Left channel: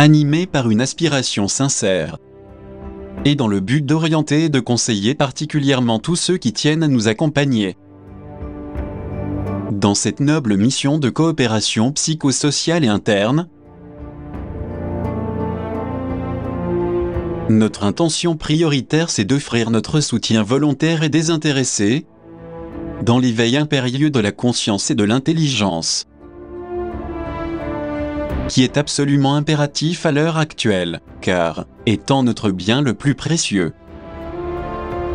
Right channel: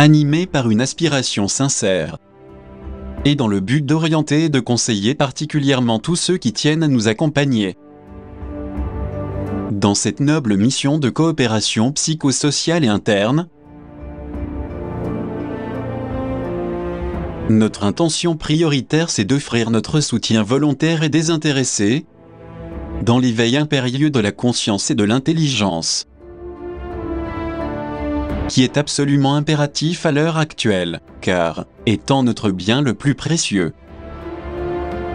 animés par une aspiration sincère, et dans le but d'orienter et de conseiller particulièrement tous ceux qui tiennent à nous accompagner dans cette noble mission de coopération psychosociale et interne. Notre intention prioritaire, c'est d'offrir notre soutien volontaire et désintéressé dans l'éveil impérieux de la conscience et de l'intelligence, qui est absolument impératif à l'heure actuelle, car, étant notre bien le plus précieux,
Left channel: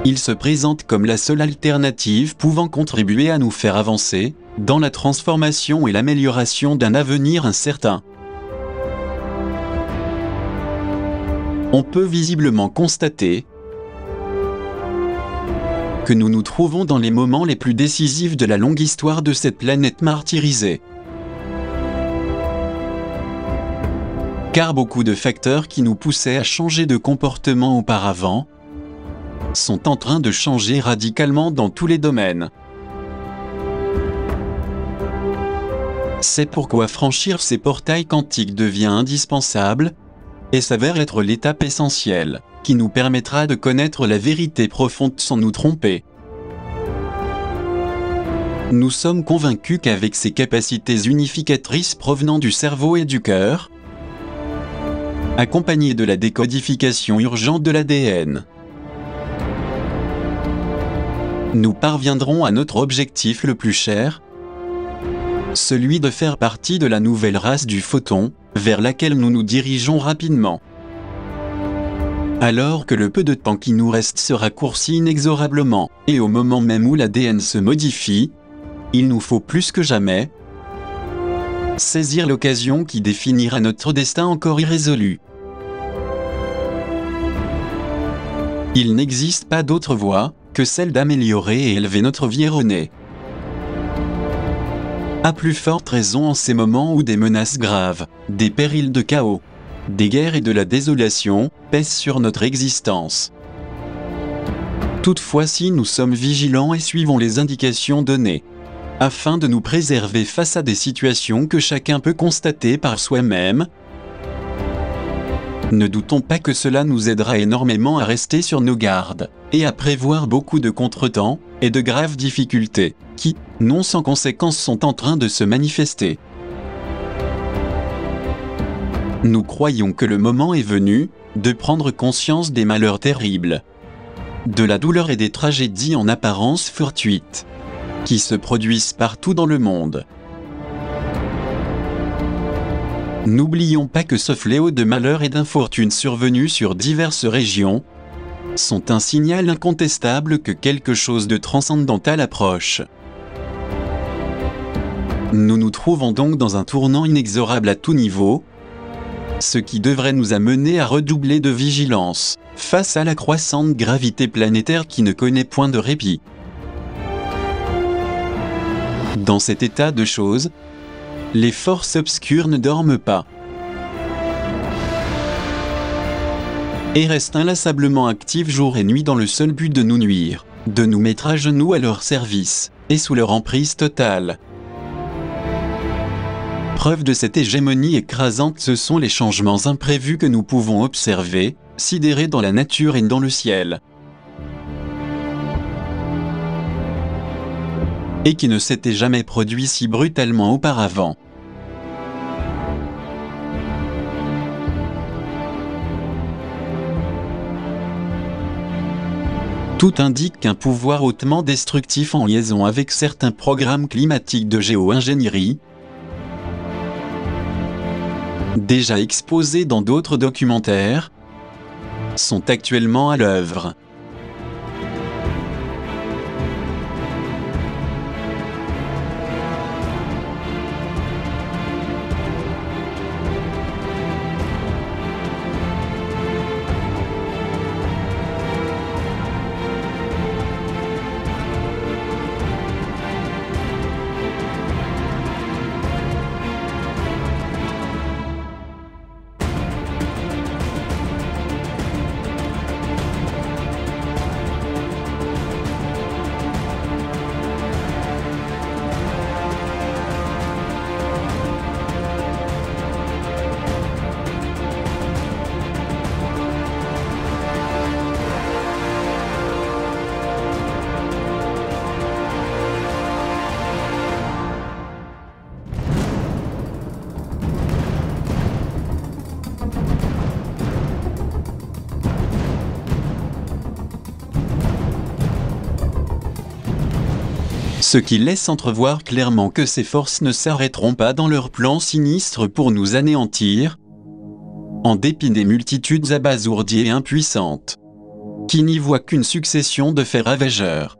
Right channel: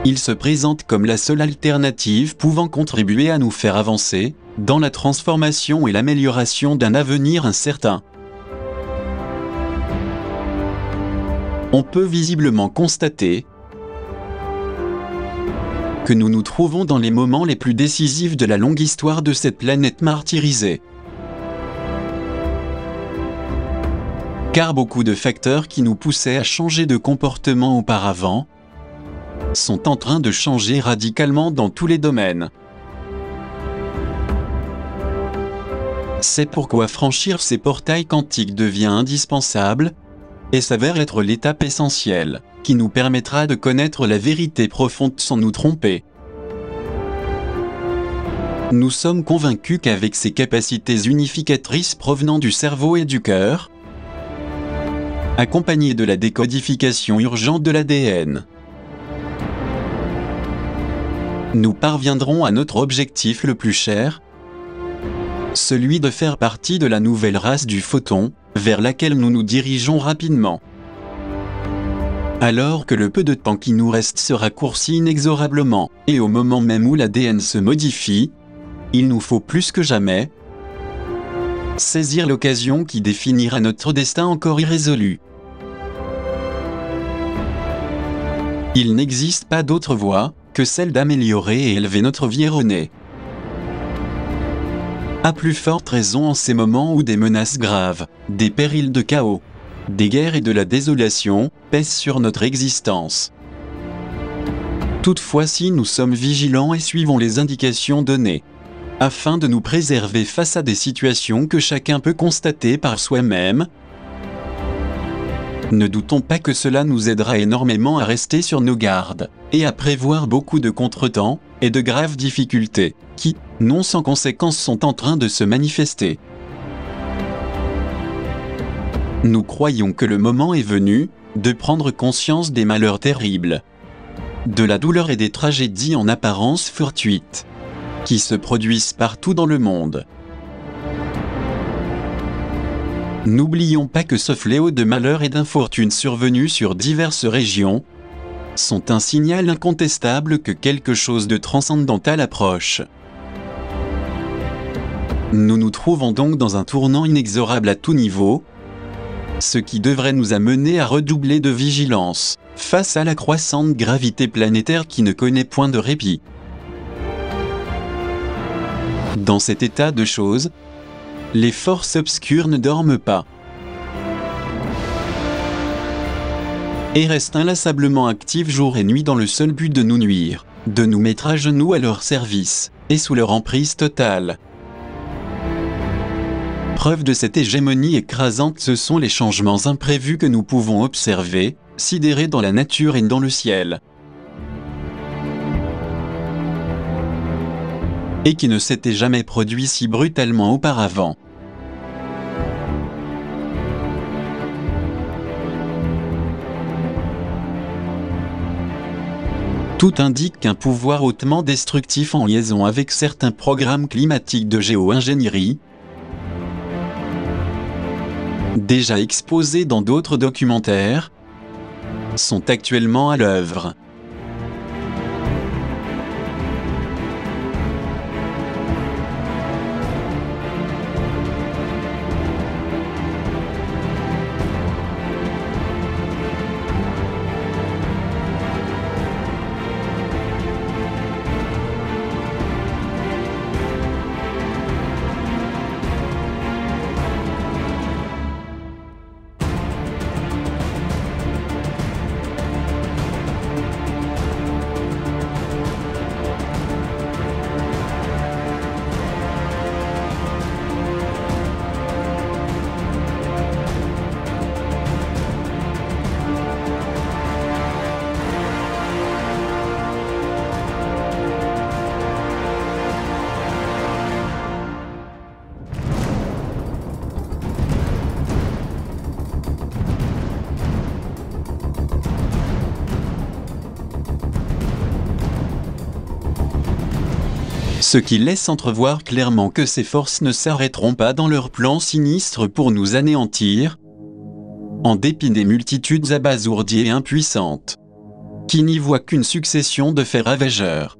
il se présente comme la seule alternative pouvant contribuer à nous faire avancer dans la transformation et l'amélioration d'un avenir incertain. On peut visiblement constater que nous nous trouvons dans les moments les plus décisifs de la longue histoire de cette planète martyrisée. Car beaucoup de facteurs qui nous poussaient à changer de comportement auparavant sont en train de changer radicalement dans tous les domaines. C'est pourquoi franchir ces portails quantiques devient indispensable et s'avère être l'étape essentielle qui nous permettra de connaître la vérité profonde sans nous tromper. Nous sommes convaincus qu'avec ces capacités unificatrices provenant du cerveau et du cœur, accompagnées de la décodification urgente de l'ADN, nous parviendrons à notre objectif le plus cher, celui de faire partie de la nouvelle race du photon, vers laquelle nous nous dirigeons rapidement. Alors que le peu de temps qui nous reste se raccourcit inexorablement, et au moment même où l'ADN se modifie, il nous faut plus que jamais saisir l'occasion qui définira notre destin encore irrésolu. Il n'existe pas d'autre voie que celle d'améliorer et élever notre vie erronée. À plus forte raison en ces moments où des menaces graves, des périls de chaos, des guerres et de la désolation pèsent sur notre existence. Toutefois, si nous sommes vigilants et suivons les indications données, afin de nous préserver face à des situations que chacun peut constater par soi-même, ne doutons pas que cela nous aidera énormément à rester sur nos gardes, et à prévoir beaucoup de contretemps et de graves difficultés, qui, non sans conséquences, sont en train de se manifester. Nous croyons que le moment est venu de prendre conscience des malheurs terribles, de la douleur et des tragédies en apparence fortuites, qui se produisent partout dans le monde. N'oublions pas que ce fléau de malheur et d'infortune survenus sur diverses régions sont un signal incontestable que quelque chose de transcendantal approche. Nous nous trouvons donc dans un tournant inexorable à tout niveau, ce qui devrait nous amener à redoubler de vigilance face à la croissante gravité planétaire qui ne connaît point de répit. Dans cet état de choses, les forces obscures ne dorment pas et restent inlassablement actives jour et nuit dans le seul but de nous nuire, de nous mettre à genoux à leur service et sous leur emprise totale. Preuve de cette hégémonie écrasante, ce sont les changements imprévus que nous pouvons observer, sidérés dans la nature et dans le ciel, et qui ne s'étaient jamais produits si brutalement auparavant. Tout indique qu'un pouvoir hautement destructif en liaison avec certains programmes climatiques de géo-ingénierie, déjà exposés dans d'autres documentaires, sont actuellement à l'œuvre. Ce qui laisse entrevoir clairement que ces forces ne s'arrêteront pas dans leur plan sinistre pour nous anéantir, en dépit des multitudes abasourdies et impuissantes, qui n'y voient qu'une succession de faits ravageurs.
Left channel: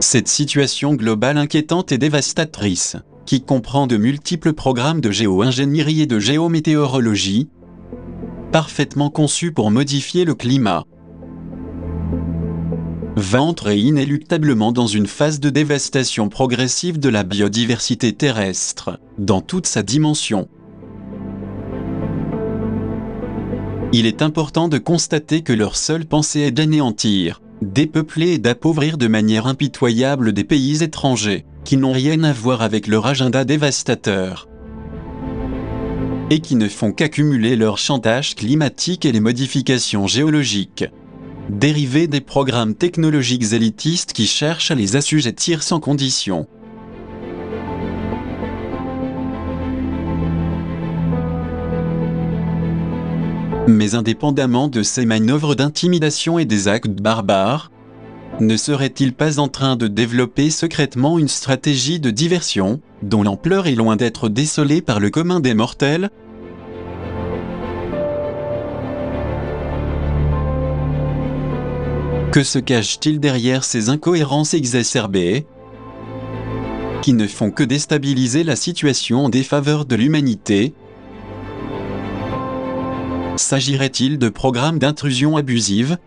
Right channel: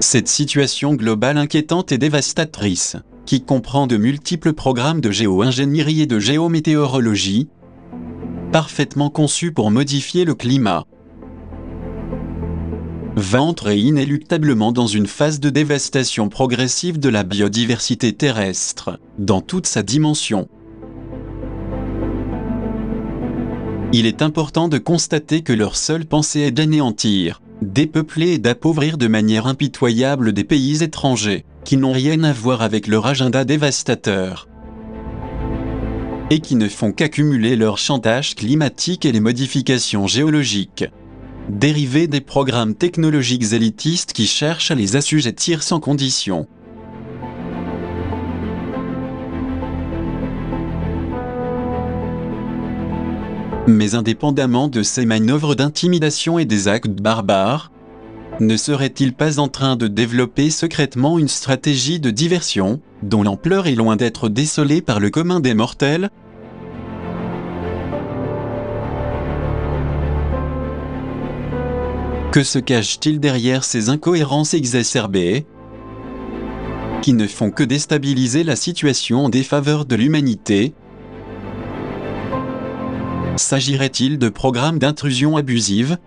Cette situation globale inquiétante et dévastatrice, qui comprend de multiples programmes de géo-ingénierie et de géométéorologie, parfaitement conçus pour modifier le climat, va entrer inéluctablement dans une phase de dévastation progressive de la biodiversité terrestre, dans toute sa dimension. Il est important de constater que leur seule pensée est d'anéantir, dépeupler et d'appauvrir de manière impitoyable des pays étrangers, qui n'ont rien à voir avec leur agenda dévastateur, et qui ne font qu'accumuler leur chantage climatique et les modifications géologiques, dérivées des programmes technologiques élitistes qui cherchent à les assujettir sans condition. Mais indépendamment de ces manœuvres d'intimidation et des actes barbares, ne serait-il pas en train de développer secrètement une stratégie de diversion, dont l'ampleur est loin d'être décelée par le commun des mortels ? Que se cache-t-il derrière ces incohérences exacerbées, qui ne font que déstabiliser la situation en défaveur de l'humanité ? S'agirait-il de programmes d'intrusion abusive,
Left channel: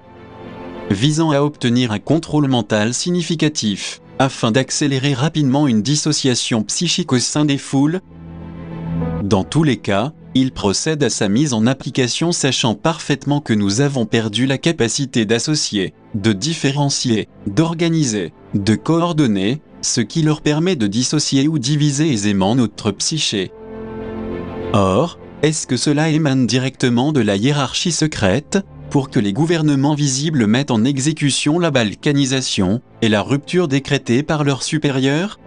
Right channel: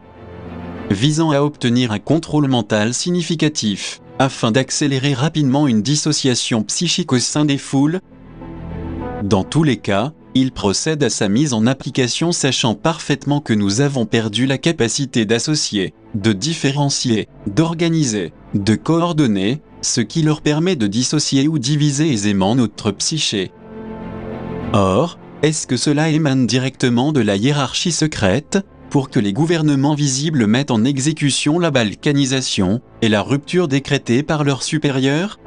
visant à obtenir un contrôle mental significatif, afin d'accélérer rapidement une dissociation psychique au sein des foules ? Dans tous les cas, il procède à sa mise en application sachant parfaitement que nous avons perdu la capacité d'associer, de différencier, d'organiser, de coordonner, ce qui leur permet de dissocier ou diviser aisément notre psyché. Or, est-ce que cela émane directement de la hiérarchie secrète, pour que les gouvernements visibles mettent en exécution la balkanisation et la rupture décrétée par leurs supérieurs?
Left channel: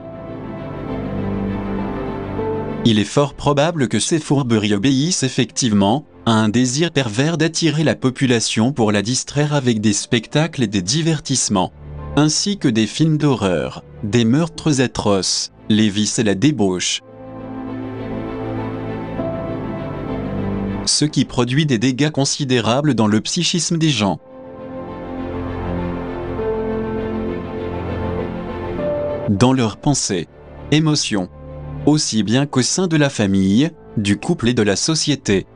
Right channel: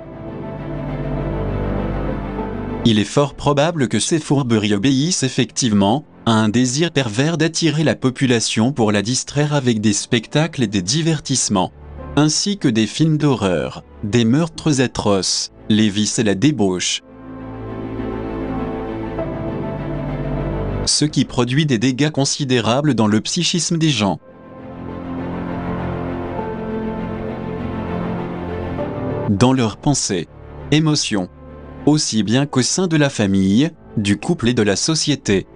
Il est fort probable que ces fourberies obéissent effectivement à un désir pervers d'attirer la population pour la distraire avec des spectacles et des divertissements, ainsi que des films d'horreur, des meurtres atroces, les vices et la débauche. Ce qui produit des dégâts considérables dans le psychisme des gens. Dans leurs pensées, émotions, aussi bien qu'au sein de la famille, du couple et de la société.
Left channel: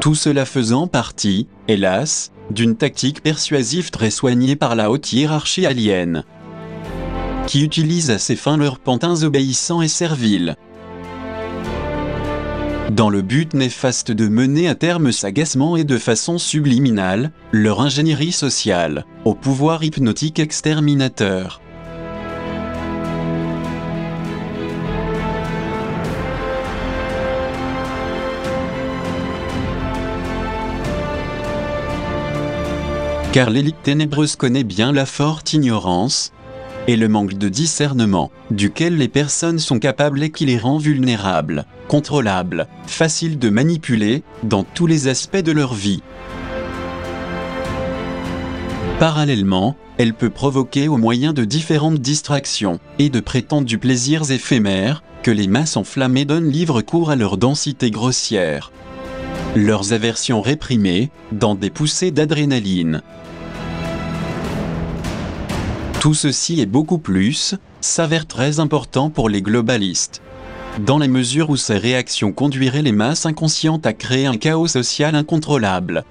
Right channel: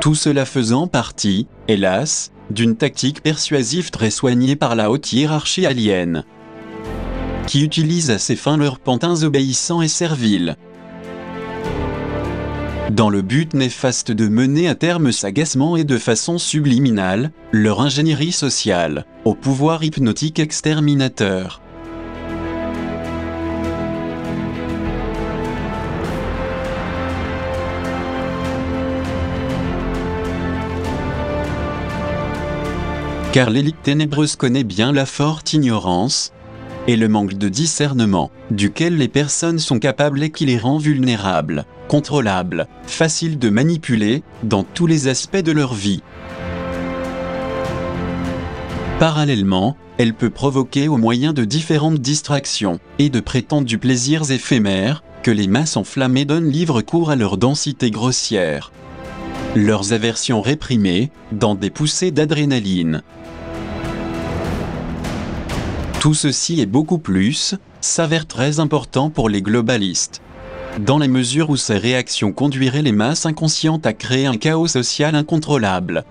Tout cela faisant partie, hélas, d'une tactique persuasive très soignée par la haute hiérarchie alienne, qui utilise à ses fins leurs pantins obéissants et serviles, dans le but néfaste de mener à terme sagacement et de façon subliminale leur ingénierie sociale, au pouvoir hypnotique exterminateur. Car l'élite ténébreuse connaît bien la forte ignorance et le manque de discernement, duquel les personnes sont capables et qui les rend vulnérables, contrôlables, faciles de manipuler dans tous les aspects de leur vie. Parallèlement, elle peut provoquer au moyen de différentes distractions et de prétendus plaisirs éphémères que les masses enflammées donnent libre cours à leur densité grossière, leurs aversions réprimées dans des poussées d'adrénaline. Tout ceci et beaucoup plus s'avère très important pour les globalistes, dans la mesure où ces réactions conduiraient les masses inconscientes à créer un chaos social incontrôlable.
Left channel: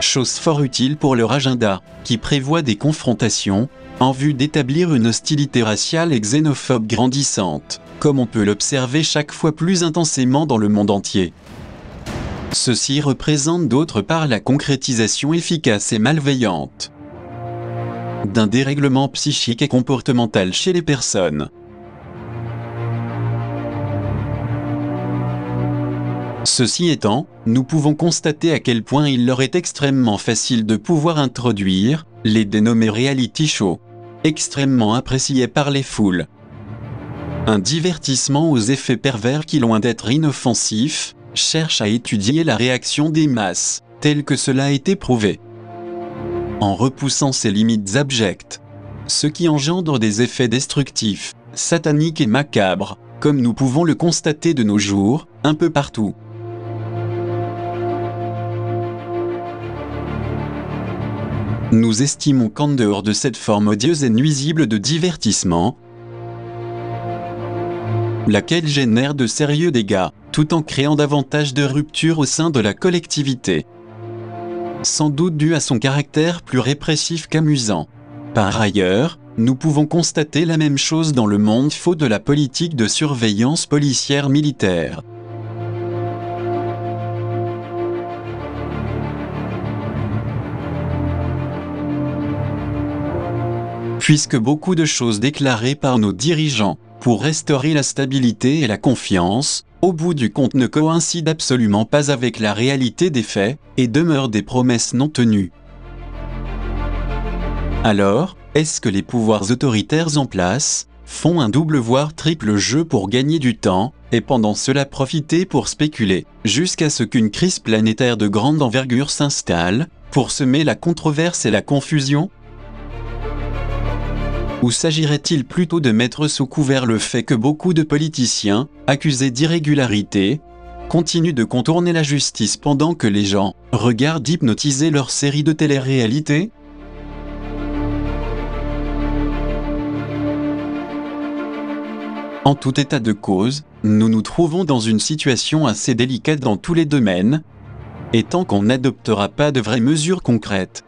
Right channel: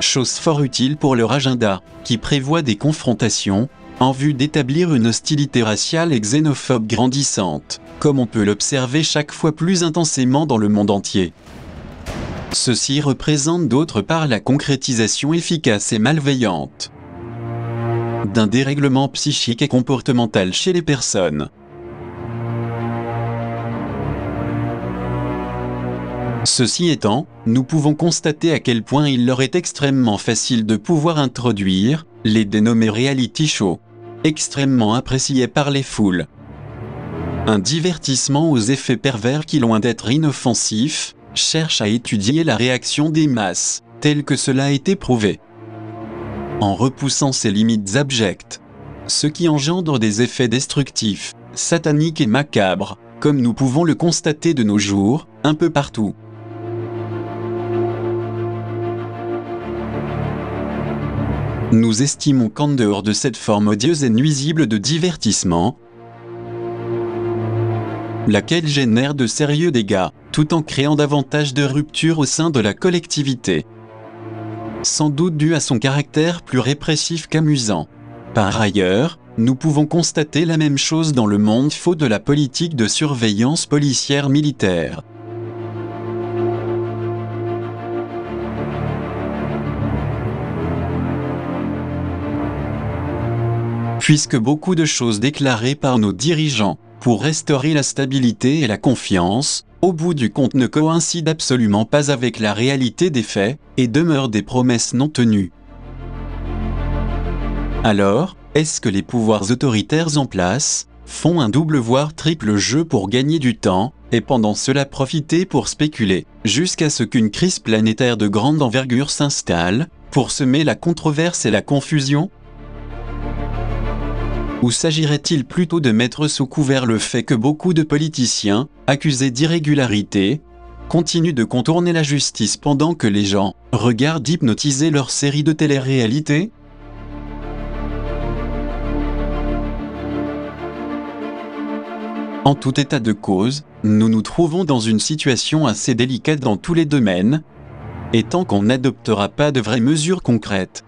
Chose fort utile pour leur agenda, qui prévoit des confrontations, en vue d'établir une hostilité raciale et xénophobe grandissante, comme on peut l'observer chaque fois plus intensément dans le monde entier. Ceci représente d'autre part la concrétisation efficace et malveillante d'un dérèglement psychique et comportemental chez les personnes. Ceci étant, nous pouvons constater à quel point il leur est extrêmement facile de pouvoir introduire les dénommés reality shows, extrêmement appréciés par les foules. Un divertissement aux effets pervers qui, loin d'être inoffensif, cherche à étudier la réaction des masses, tel que cela a été prouvé, en repoussant ses limites abjectes, ce qui engendre des effets destructifs, sataniques et macabres, comme nous pouvons le constater de nos jours, un peu partout. Nous estimons qu'en dehors de cette forme odieuse et nuisible de divertissement, laquelle génère de sérieux dégâts, tout en créant davantage de ruptures au sein de la collectivité, sans doute dû à son caractère plus répressif qu'amusant. Par ailleurs, nous pouvons constater la même chose dans le monde faux de la politique de surveillance policière militaire. Puisque beaucoup de choses déclarées par nos dirigeants pour restaurer la stabilité et la confiance, au bout du compte ne coïncident absolument pas avec la réalité des faits et demeurent des promesses non tenues. Alors, est-ce que les pouvoirs autoritaires en place font un double voire triple jeu pour gagner du temps et pendant cela profiter pour spéculer, jusqu'à ce qu'une crise planétaire de grande envergure s'installe, pour semer la controverse et la confusion ? Ou s'agirait-il plutôt de mettre sous couvert le fait que beaucoup de politiciens, accusés d'irrégularité, continuent de contourner la justice pendant que les gens regardent hypnotiser leur série de télé-réalité ? En tout état de cause, nous nous trouvons dans une situation assez délicate dans tous les domaines, et tant qu'on n'adoptera pas de vraies mesures concrètes,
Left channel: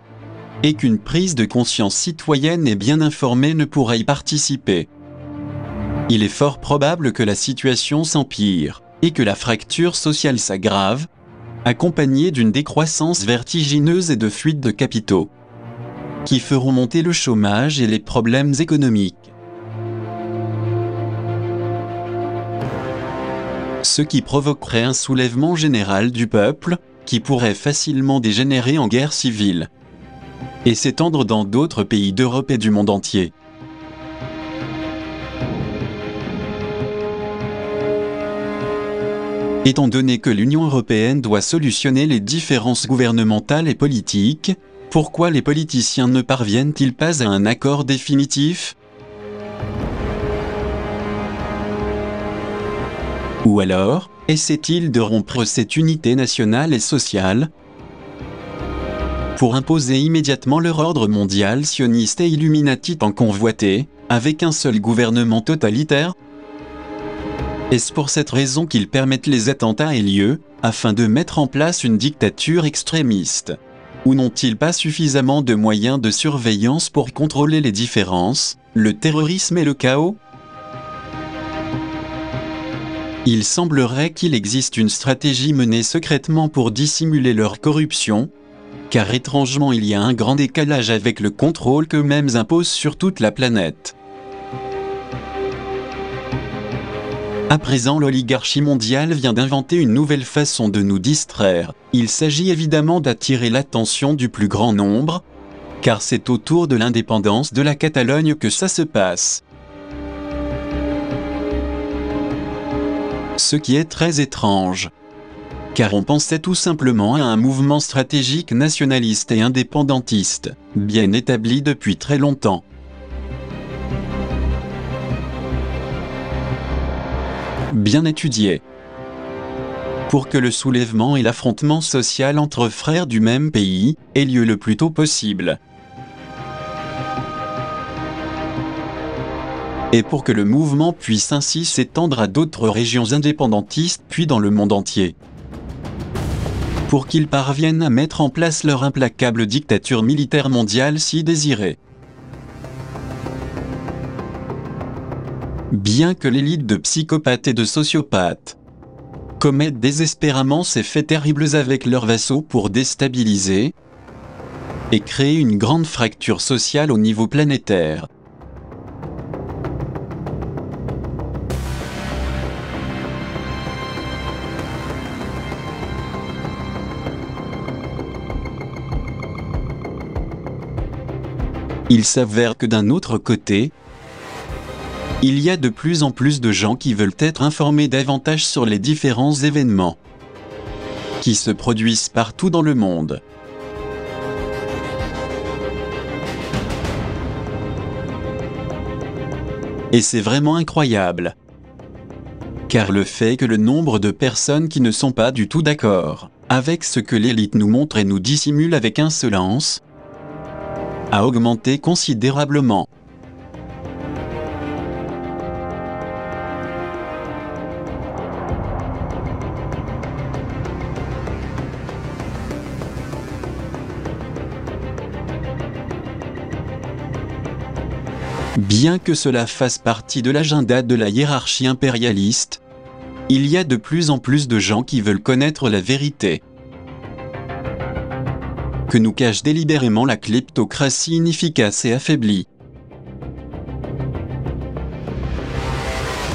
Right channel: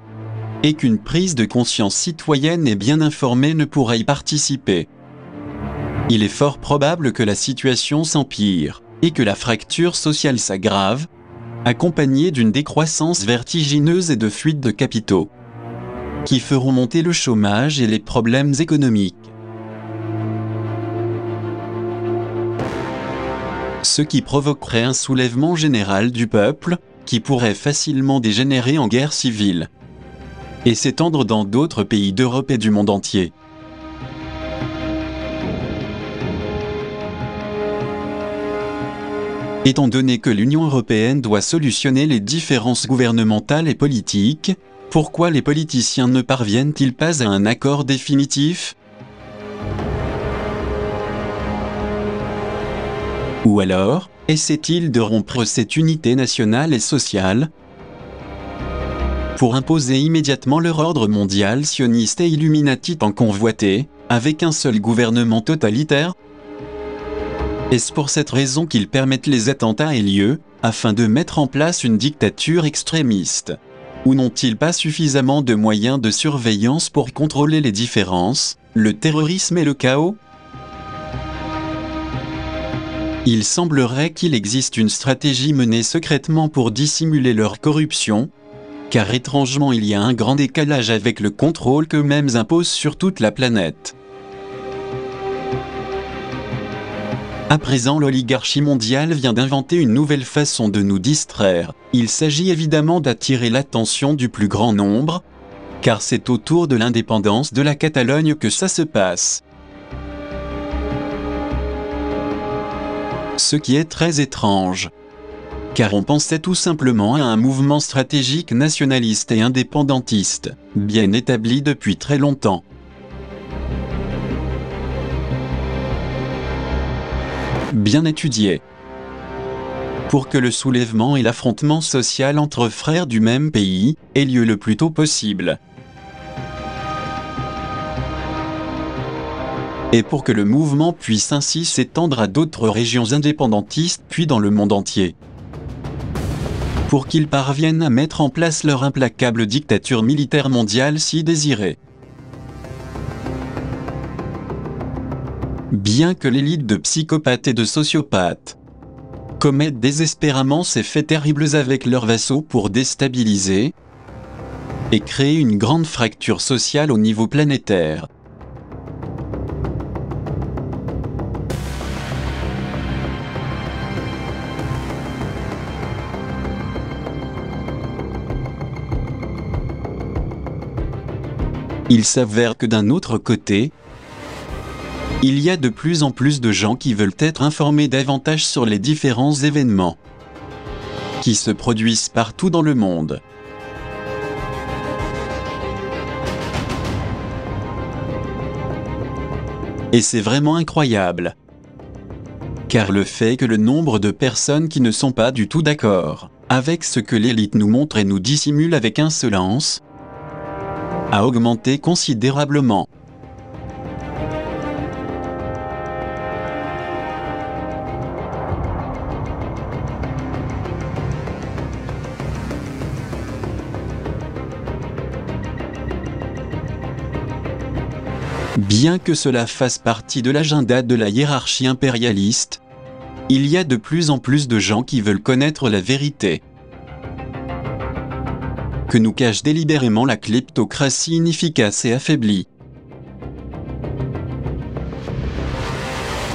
et qu'une prise de conscience citoyenne et bien informée ne pourra y participer, il est fort probable que la situation s'empire, et que la fracture sociale s'aggrave, accompagnée d'une décroissance vertigineuse et de fuites de capitaux, qui feront monter le chômage et les problèmes économiques. ce qui provoquerait un soulèvement général du peuple, qui pourrait facilement dégénérer en guerre civile et s'étendre dans d'autres pays d'Europe et du monde entier. Étant donné que l'Union européenne doit solutionner les différences gouvernementales et politiques, pourquoi les politiciens ne parviennent-ils pas à un accord définitif ? Ou alors, essaient-ils de rompre cette unité nationale et sociale pour imposer immédiatement leur ordre mondial sioniste et illuminati tant convoité, avec un seul gouvernement totalitaire ? Est-ce pour cette raison qu'ils permettent les attentats aient lieu, afin de mettre en place une dictature extrémiste ? Ou n'ont-ils pas suffisamment de moyens de surveillance pour contrôler les différences, le terrorisme et le chaos ? Il semblerait qu'il existe une stratégie menée secrètement pour dissimuler leur corruption, car étrangement il y a un grand décalage avec le contrôle qu'eux-mêmes imposent sur toute la planète. À présent, l'oligarchie mondiale vient d'inventer une nouvelle façon de nous distraire. Il s'agit évidemment d'attirer l'attention du plus grand nombre, car c'est autour de l'indépendance de la Catalogne que ça se passe. Ce qui est très étrange, car on pensait tout simplement à un mouvement stratégique nationaliste et indépendantiste, bien établi depuis très longtemps. Bien étudié, pour que le soulèvement et l'affrontement social entre frères du même pays aient lieu le plus tôt possible. Et pour que le mouvement puisse ainsi s'étendre à d'autres régions indépendantistes puis dans le monde entier. Pour qu'ils parviennent à mettre en place leur implacable dictature militaire mondiale si désirée. Bien que l'élite de psychopathes et de sociopathes commettent désespérément ces faits terribles avec leurs vassaux pour déstabiliser et créer une grande fracture sociale au niveau planétaire. Il s'avère que d'un autre côté, il y a de plus en plus de gens qui veulent être informés davantage sur les différents événements qui se produisent partout dans le monde. Et c'est vraiment incroyable, car le fait que le nombre de personnes qui ne sont pas du tout d'accord avec ce que l'élite nous montre et nous dissimule avec insolence a augmenté considérablement. Bien que cela fasse partie de l'agenda de la hiérarchie impérialiste, il y a de plus en plus de gens qui veulent connaître la vérité que nous cache délibérément la kleptocratie inefficace et affaiblie.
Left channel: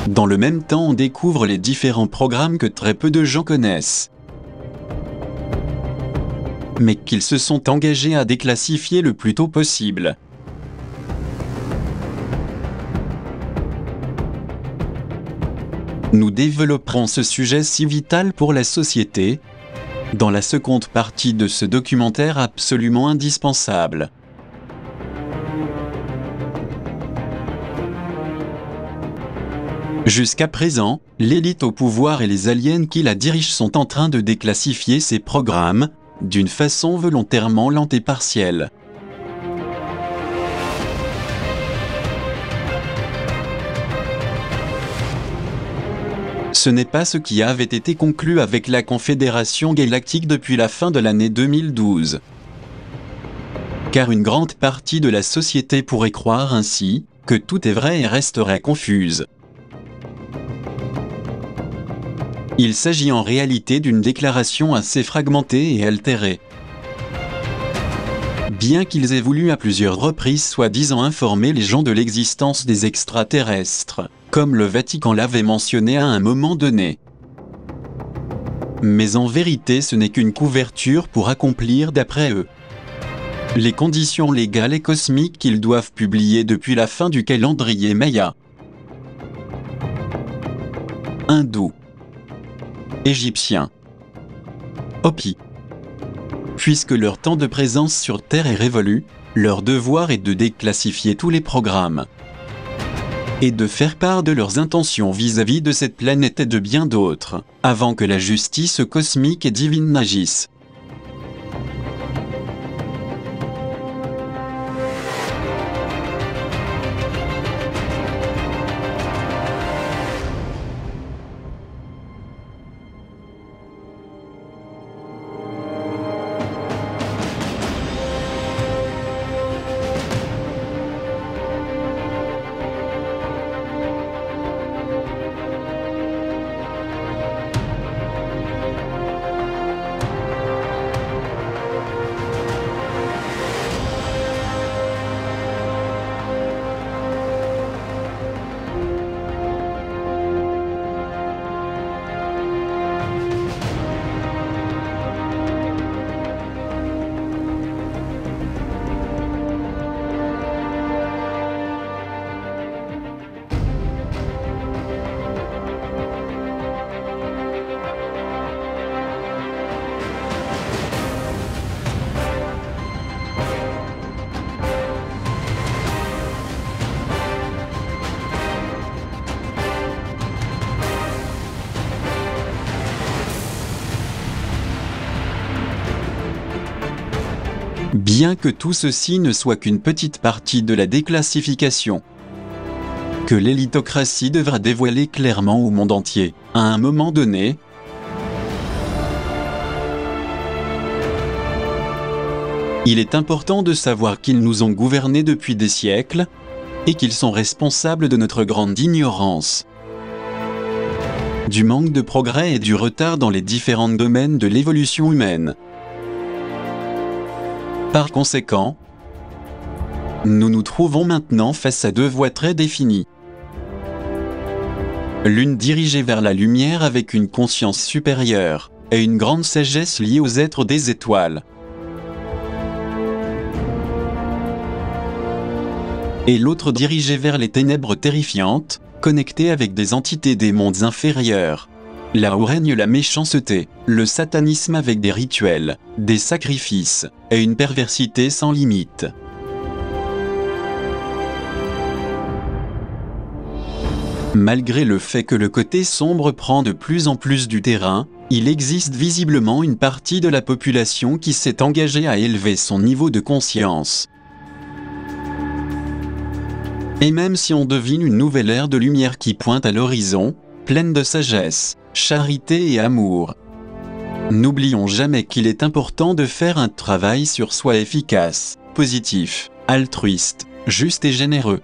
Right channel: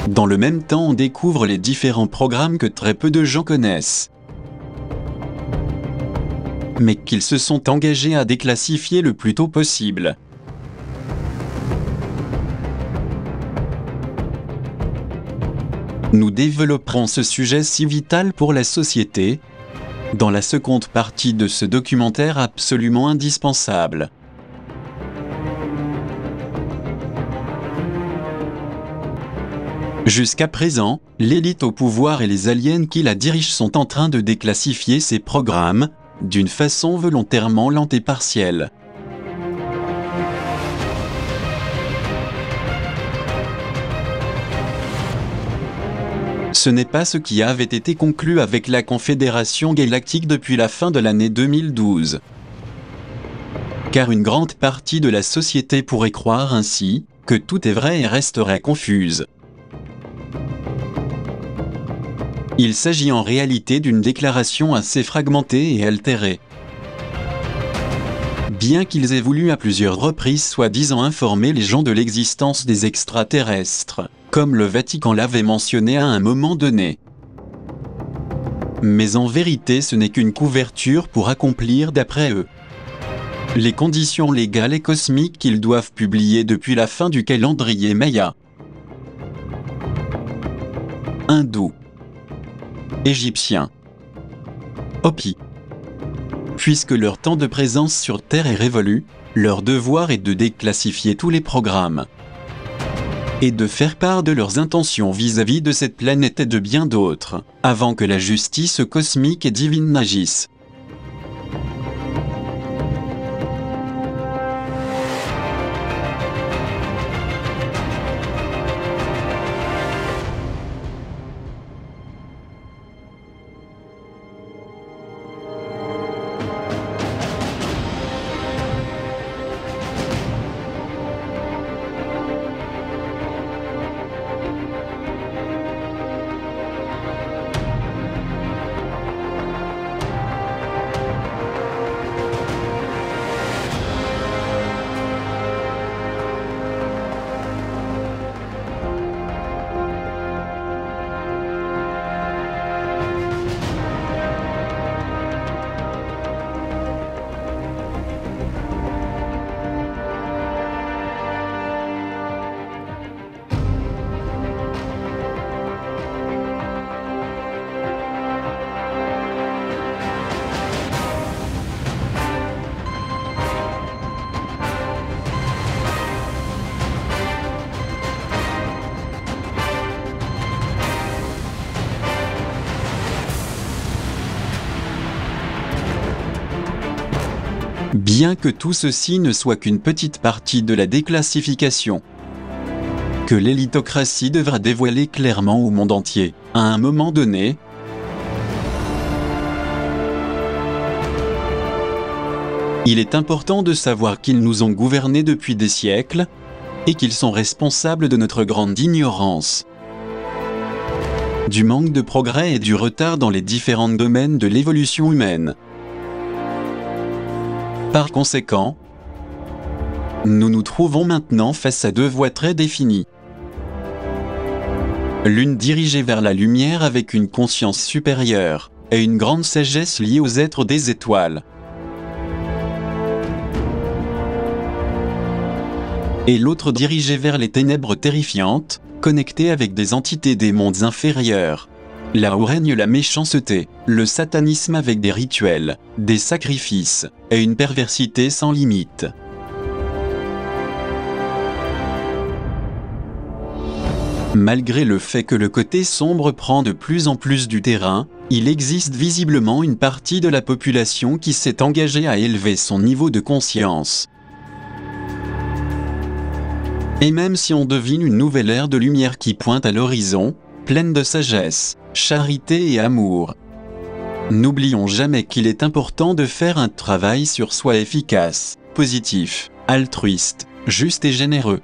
Dans le même temps, on découvre les différents programmes que très peu de gens connaissent, mais qu'ils se sont engagés à déclassifier le plus tôt possible. Nous développerons ce sujet si vital pour la société dans la seconde partie de ce documentaire absolument indispensable. Jusqu'à présent, l'élite au pouvoir et les aliens qui la dirigent sont en train de déclassifier ces programmes d'une façon volontairement lente et partielle. Ce n'est pas ce qui avait été conclu avec la Confédération Galactique depuis la fin de l'année 2012. Car une grande partie de la société pourrait croire ainsi que tout est vrai et resterait confuse. Il s'agit en réalité d'une déclaration assez fragmentée et altérée. Bien qu'ils aient voulu à plusieurs reprises soi-disant informer les gens de l'existence des extraterrestres, comme le Vatican l'avait mentionné à un moment donné. Mais en vérité ce n'est qu'une couverture pour accomplir d'après eux les conditions légales et cosmiques qu'ils doivent publier depuis la fin du calendrier Maya. Hindou, Égyptien, Hopi. Puisque leur temps de présence sur Terre est révolu, leur devoir est de déclassifier tous les programmes et de faire part de leurs intentions vis-à-vis de cette planète et de bien d'autres, avant que la justice cosmique et divine n'agisse. Bien que tout ceci ne soit qu'une petite partie de la déclassification que l'élitocratie devra dévoiler clairement au monde entier, à un moment donné, il est important de savoir qu'ils nous ont gouvernés depuis des siècles et qu'ils sont responsables de notre grande ignorance, du manque de progrès et du retard dans les différents domaines de l'évolution humaine. Par conséquent, nous nous trouvons maintenant face à deux voies très définies. L'une dirigée vers la lumière avec une conscience supérieure et une grande sagesse liée aux êtres des étoiles. Et l'autre dirigée vers les ténèbres terrifiantes, connectée avec des entités des mondes inférieurs. Là où règne la méchanceté, le satanisme avec des rituels, des sacrifices, et une perversité sans limite. Malgré le fait que le côté sombre prend de plus en plus du terrain, il existe visiblement une partie de la population qui s'est engagée à élever son niveau de conscience. Et même si on devine une nouvelle ère de lumière qui pointe à l'horizon, pleine de sagesse, charité et amour, n'oublions jamais qu'il est important de faire un travail sur soi efficace, positif, altruiste, juste et généreux.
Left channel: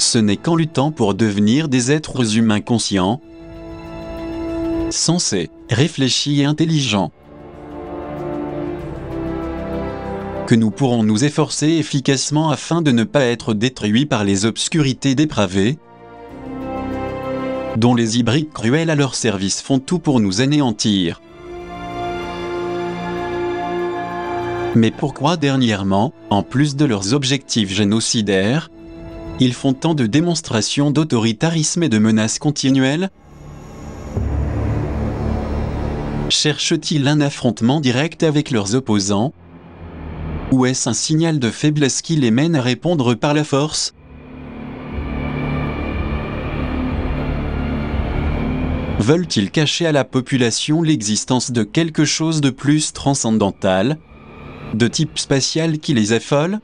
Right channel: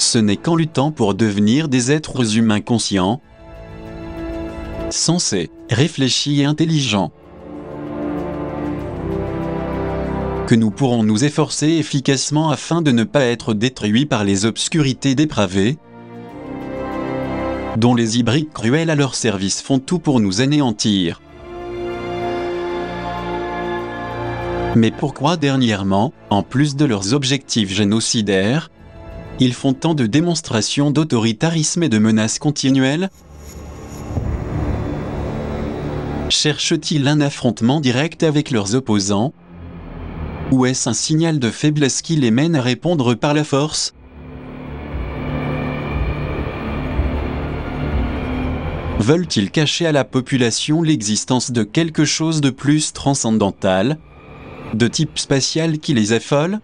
Ce n'est qu'en luttant pour devenir des êtres humains conscients, sensés, réfléchis et intelligents, que nous pourrons nous efforcer efficacement afin de ne pas être détruits par les obscurités dépravées, dont les hybrides cruels à leur service font tout pour nous anéantir. Mais pourquoi dernièrement, en plus de leurs objectifs génocidaires, ils font tant de démonstrations d'autoritarisme et de menaces continuelles? Cherchent-ils un affrontement direct avec leurs opposants? Ou est-ce un signal de faiblesse qui les mène à répondre par la force? Veulent-ils cacher à la population l'existence de quelque chose de plus transcendantal, de type spatial qui les affole?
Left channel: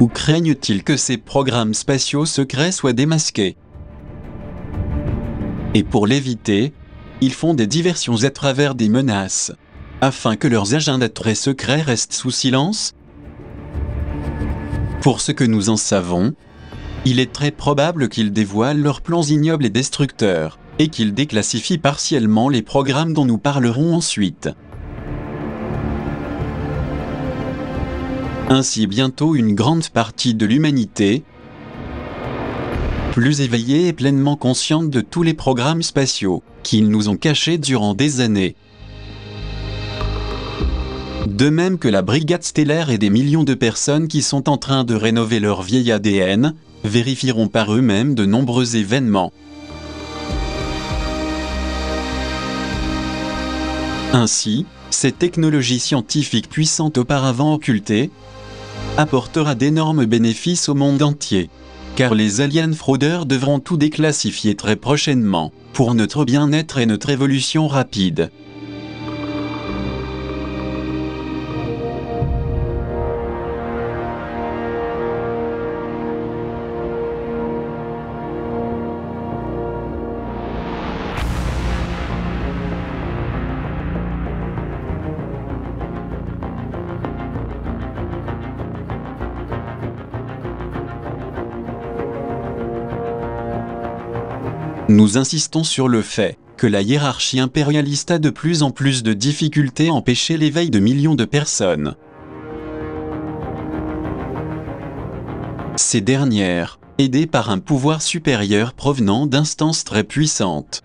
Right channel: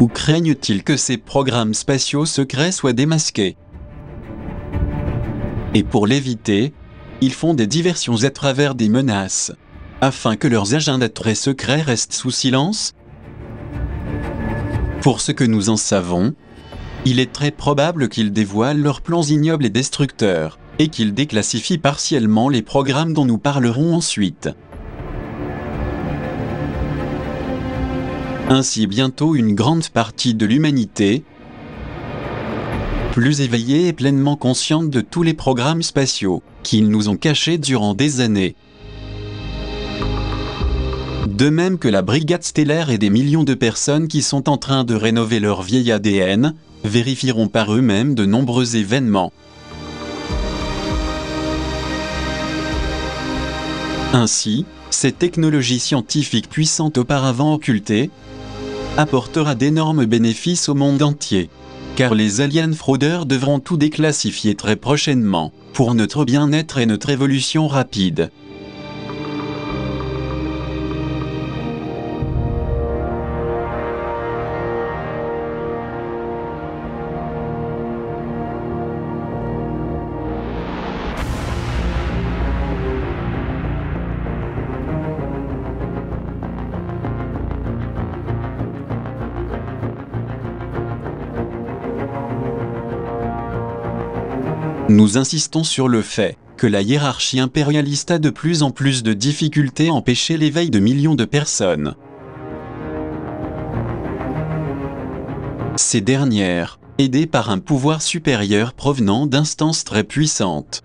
Ou craignent-ils que ces programmes spatiaux secrets soient démasqués? Et pour l'éviter, ils font des diversions à travers des menaces, afin que leurs agendas très secrets restent sous silence? Pour ce que nous en savons, il est très probable qu'ils dévoilent leurs plans ignobles et destructeurs, et qu'ils déclassifient partiellement les programmes dont nous parlerons ensuite. Ainsi bientôt une grande partie de l'humanité, plus éveillée et pleinement consciente de tous les programmes spatiaux qu'ils nous ont cachés durant des années. De même que la brigade stellaire et des millions de personnes qui sont en train de rénover leur vieil ADN, vérifieront par eux-mêmes de nombreux événements. Ainsi, cette technologie scientifique puissante auparavant occultée apportera d'énormes bénéfices au monde entier. Car les aliens fraudeurs devront tout déclassifier très prochainement, pour notre bien-être et notre évolution rapide. Nous insistons sur le fait que la hiérarchie impérialiste a de plus en plus de difficultés à empêcher l'éveil de millions de personnes. Ces dernières, aidées par un pouvoir supérieur provenant d'instances très puissantes,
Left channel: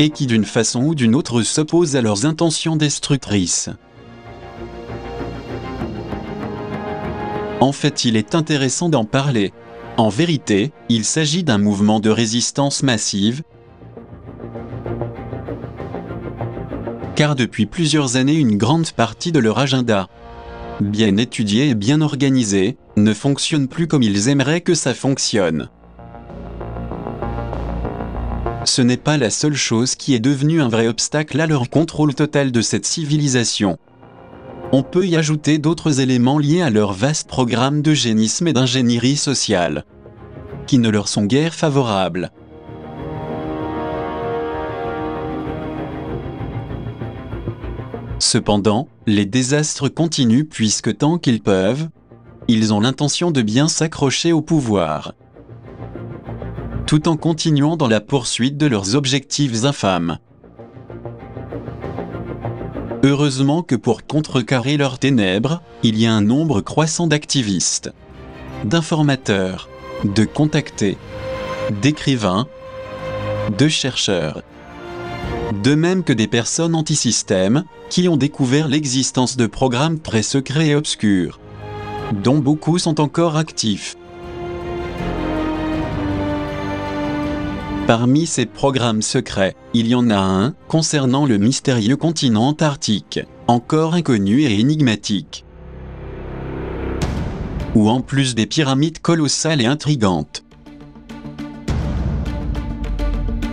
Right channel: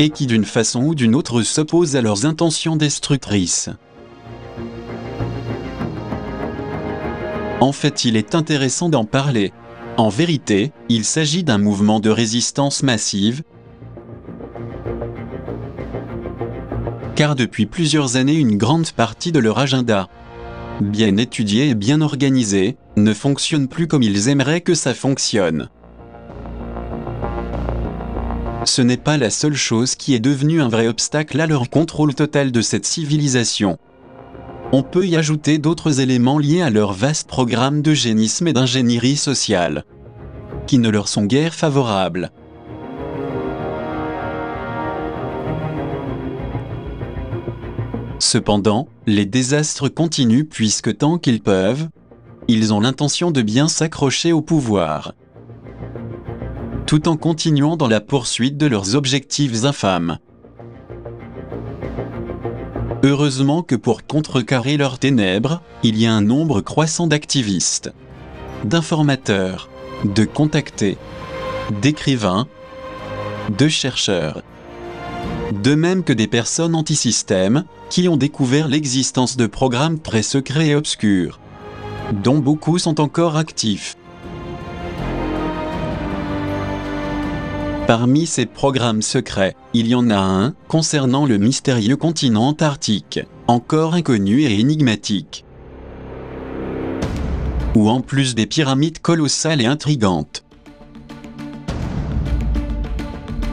et qui d'une façon ou d'une autre s'opposent à leurs intentions destructrices. En fait, il est intéressant d'en parler. En vérité, il s'agit d'un mouvement de résistance massive, car depuis plusieurs années une grande partie de leur agenda, bien étudié et bien organisé, ne fonctionne plus comme ils aimeraient que ça fonctionne. Ce n'est pas la seule chose qui est devenue un vrai obstacle à leur contrôle total de cette civilisation. On peut y ajouter d'autres éléments liés à leur vaste programme d'eugénisme et d'ingénierie sociale, qui ne leur sont guère favorables. Cependant, les désastres continuent puisque tant qu'ils peuvent, ils ont l'intention de bien s'accrocher au pouvoir, tout en continuant dans la poursuite de leurs objectifs infâmes. Heureusement que pour contrecarrer leurs ténèbres, il y a un nombre croissant d'activistes, d'informateurs, de contactés, d'écrivains, de chercheurs, de même que des personnes anti-système qui ont découvert l'existence de programmes très secrets et obscurs, dont beaucoup sont encore actifs. Parmi ces programmes secrets, il y en a un concernant le mystérieux continent antarctique, encore inconnu et énigmatique, où en plus des pyramides colossales et intrigantes,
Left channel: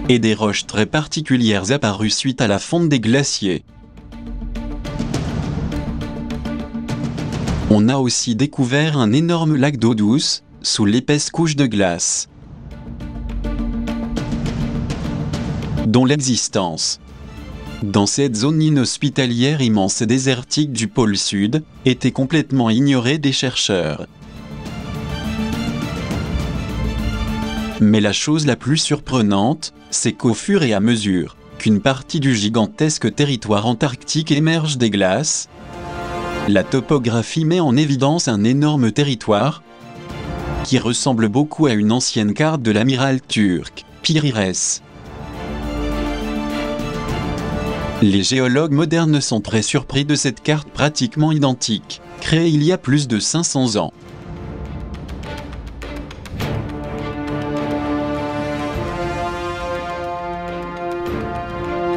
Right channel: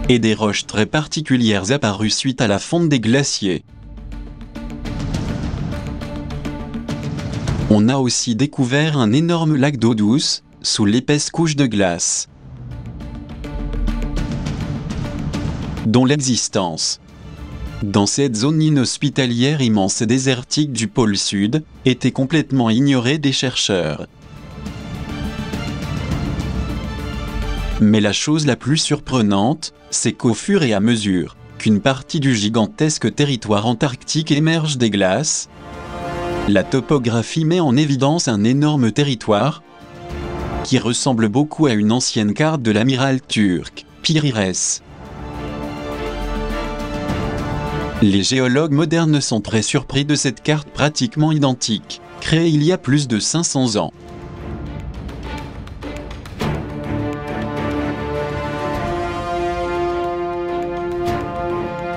et des roches très particulières apparues suite à la fonte des glaciers, on a aussi découvert un énorme lac d'eau douce, sous l'épaisse couche de glace, dont l'existence, dans cette zone inhospitalière immense et désertique du pôle Sud, était complètement ignorée des chercheurs. Mais la chose la plus surprenante, c'est qu'au fur et à mesure qu'une partie du gigantesque territoire antarctique émerge des glaces, la topographie met en évidence un énorme territoire qui ressemble beaucoup à une ancienne carte de l'amiral turc, Piri-Reis. Les géologues modernes sont très surpris de cette carte pratiquement identique, créée il y a plus de 500 ans.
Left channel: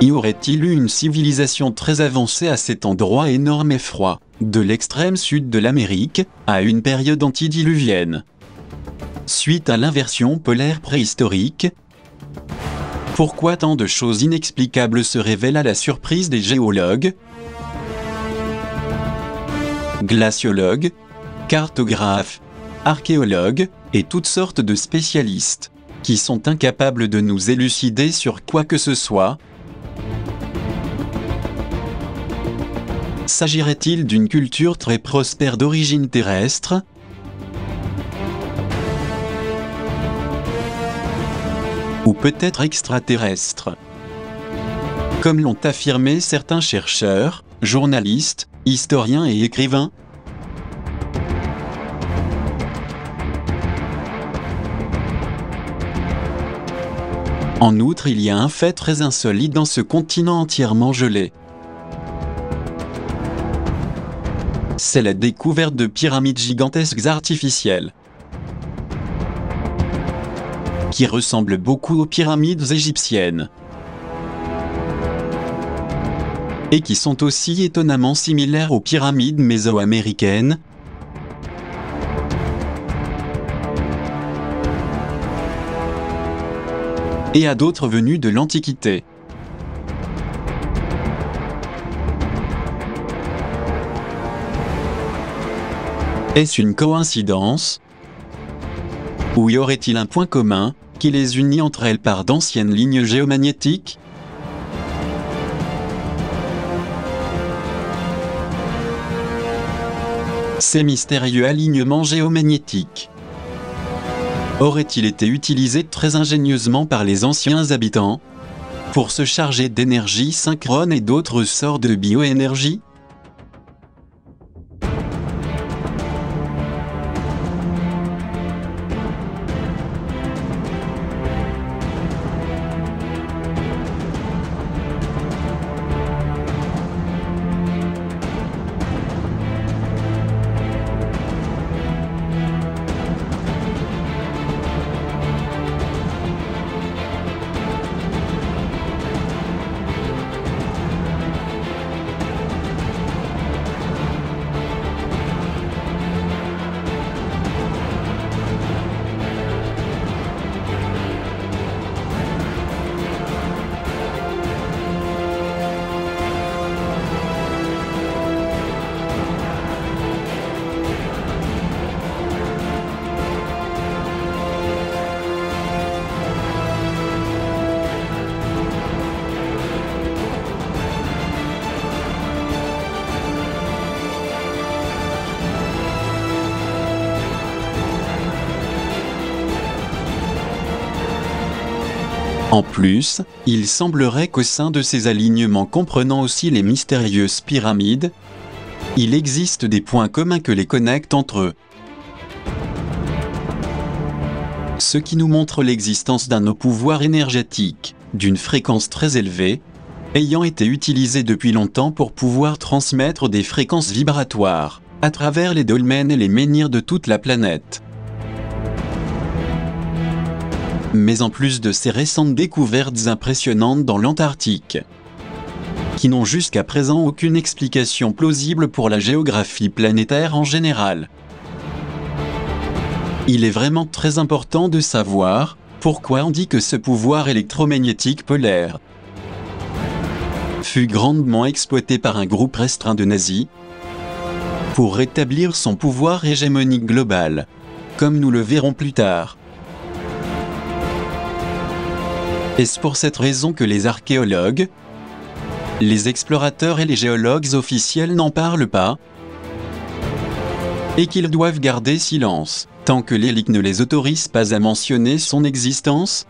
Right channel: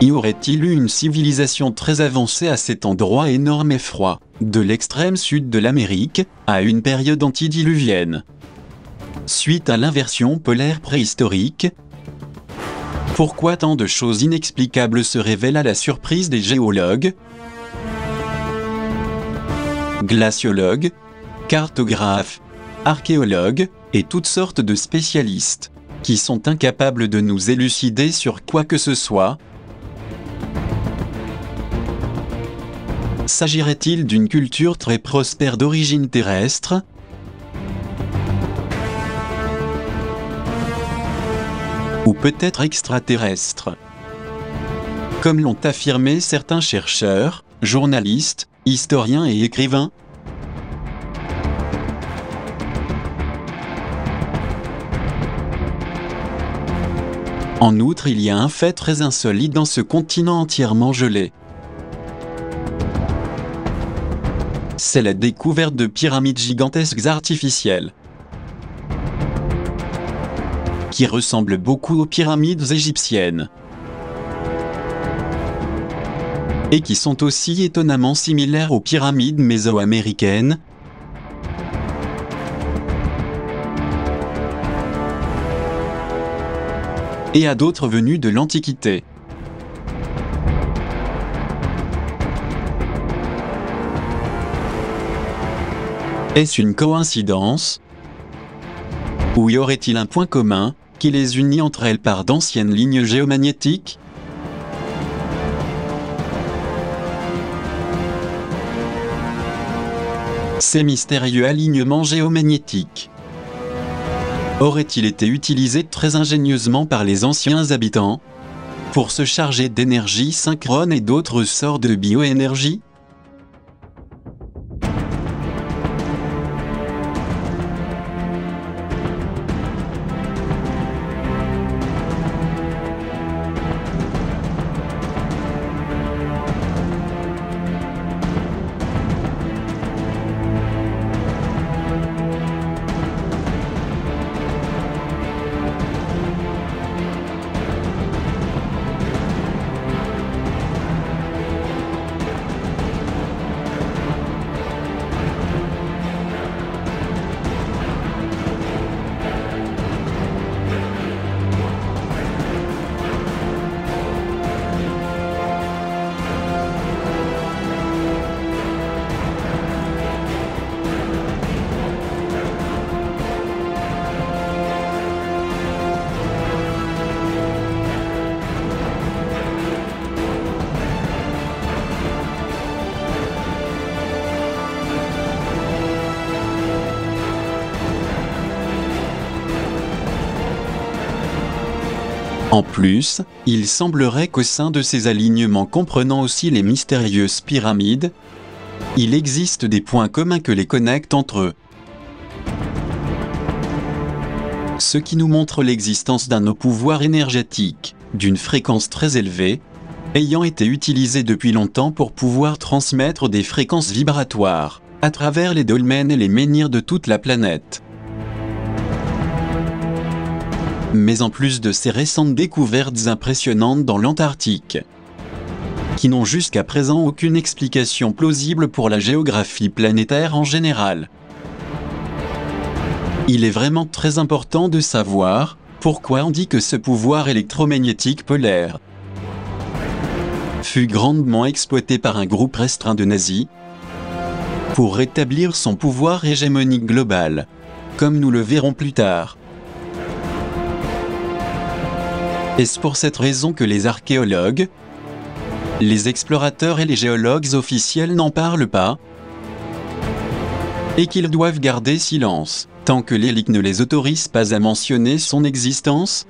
Y aurait-il eu une civilisation très avancée à cet endroit énorme et froid, de l'extrême sud de l'Amérique, à une période antidiluvienne? Suite à l'inversion polaire préhistorique, pourquoi tant de choses inexplicables se révèlent à la surprise des géologues, glaciologues, cartographes, archéologues et toutes sortes de spécialistes, qui sont incapables de nous élucider sur quoi que ce soit? S'agirait-il d'une culture très prospère d'origine terrestre? Ou peut-être extraterrestre? Comme l'ont affirmé certains chercheurs, journalistes, historiens et écrivains, En outre, il y a un fait très insolite dans ce continent entièrement gelé. C'est la découverte de pyramides gigantesques artificielles, qui ressemblent beaucoup aux pyramides égyptiennes, et qui sont aussi étonnamment similaires aux pyramides mésoaméricaines, et à d'autres venues de l'Antiquité. Est-ce une coïncidence? Ou y aurait-il un point commun, qui les unit entre elles par d'anciennes lignes géomagnétiques? Ces mystérieux alignements géomagnétiques auraient-ils été utilisés très ingénieusement par les anciens habitants pour se charger d'énergie synchrone et d'autres sortes de bioénergie? En plus, il semblerait qu'au sein de ces alignements comprenant aussi les mystérieuses pyramides, il existe des points communs que les connectent entre eux. Ce qui nous montre l'existence d'un pouvoir énergétique, d'une fréquence très élevée, ayant été utilisé depuis longtemps pour pouvoir transmettre des fréquences vibratoires, à travers les dolmens et les menhirs de toute la planète. Mais en plus de ces récentes découvertes impressionnantes dans l'Antarctique, qui n'ont jusqu'à présent aucune explication plausible pour la géographie planétaire en général, il est vraiment très important de savoir pourquoi on dit que ce pouvoir électromagnétique polaire fut grandement exploité par un groupe restreint de nazis pour rétablir son pouvoir hégémonique global, comme nous le verrons plus tard. Est-ce pour cette raison que les archéologues, les explorateurs et les géologues officiels n'en parlent pas, et qu'ils doivent garder silence, tant que l'élite ne les autorise pas à mentionner son existence?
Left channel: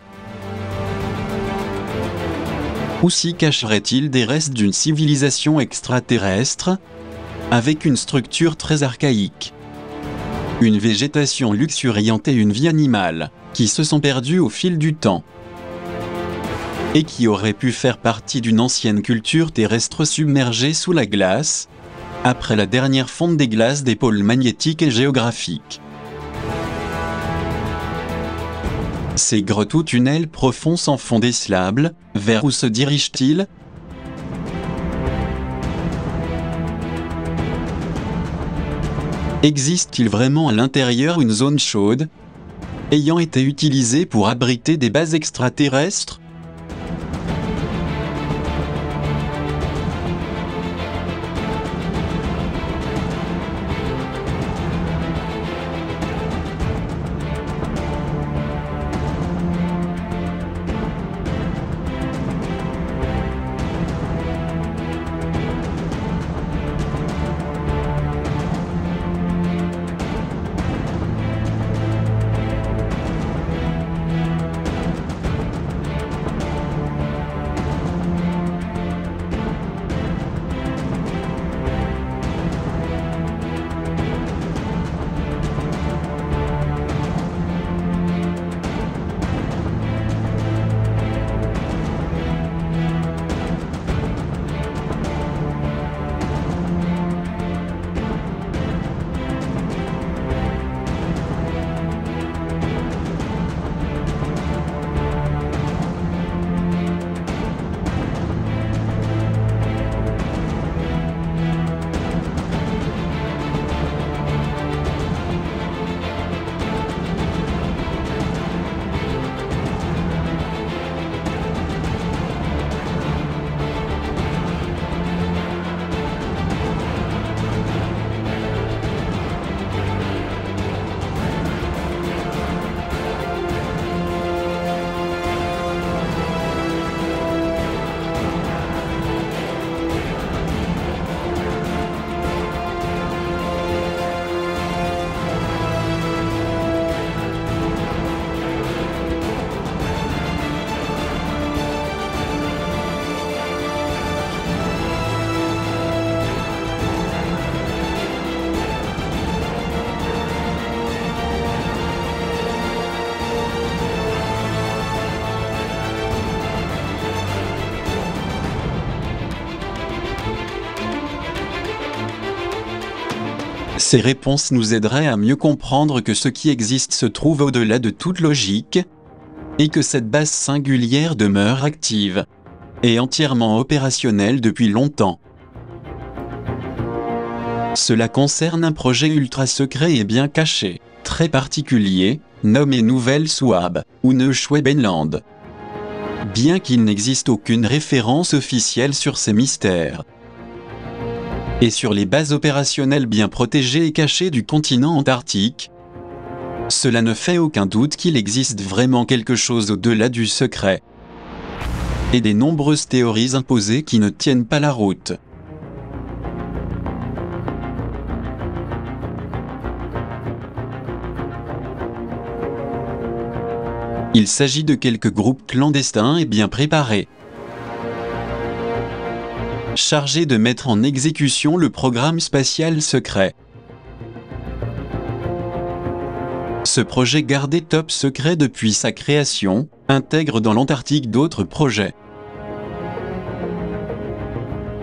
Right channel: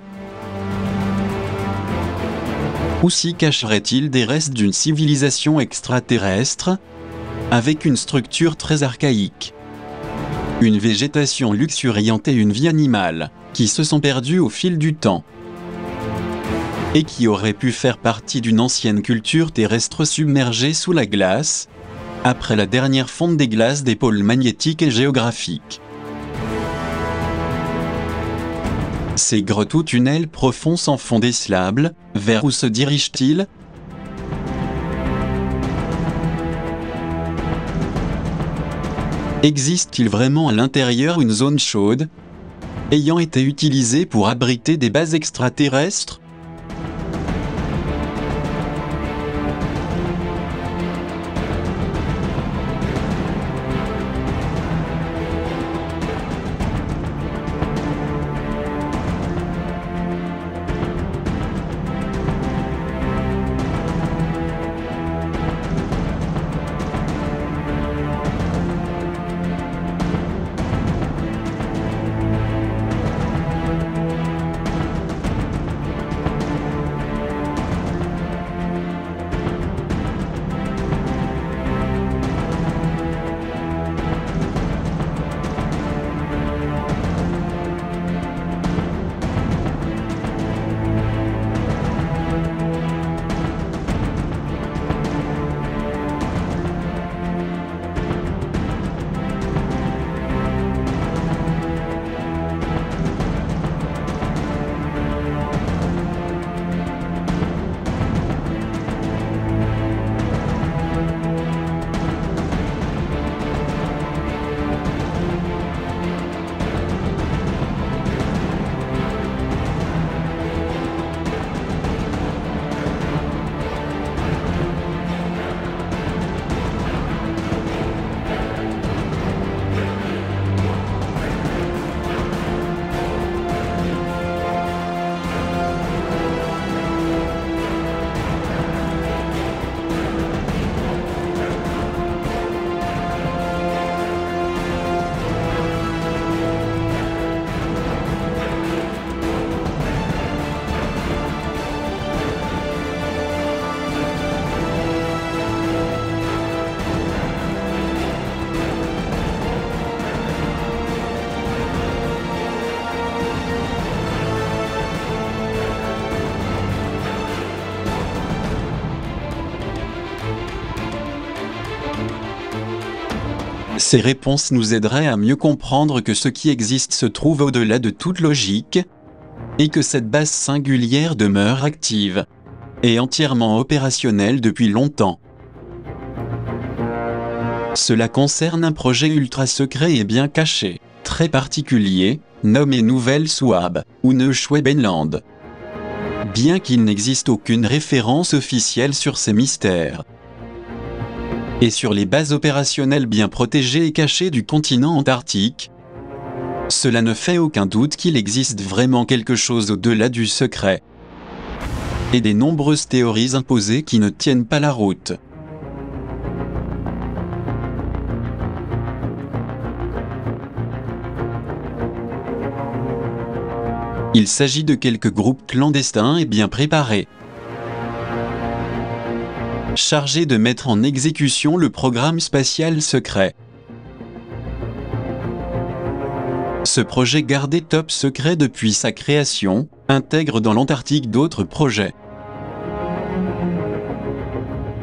Ou s'y cacherait-il des restes d'une civilisation extraterrestre, avec une structure très archaïque, une végétation luxuriante et une vie animale, qui se sont perdues au fil du temps, et qui aurait pu faire partie d'une ancienne culture terrestre submergée sous la glace, après la dernière fonte des glaces des pôles magnétiques et géographiques. Ces grottes ou tunnels profonds sans fond décelable, vers où se dirigent-ils? Existe-t-il vraiment à l'intérieur une zone chaude, ayant été utilisée pour abriter des bases extraterrestres? Ces réponses nous aideraient à mieux comprendre que ce qui existe se trouve au-delà de toute logique, et que cette base singulière demeure active et entièrement opérationnelle depuis longtemps. Cela concerne un projet ultra secret et bien caché, très particulier, nommé Nouvelle Souabe, ou Neuschwabenland. Bien qu'il n'existe aucune référence officielle sur ces mystères, et sur les bases opérationnelles bien protégées et cachées du continent antarctique, cela ne fait aucun doute qu'il existe vraiment quelque chose au-delà du secret, et des nombreuses théories imposées qui ne tiennent pas la route. Il s'agit de quelques groupes clandestins et bien préparés, chargés de mettre en exécution le programme spatial secret. Ce projet gardé top secret depuis sa création, intègre dans l'Antarctique d'autres projets,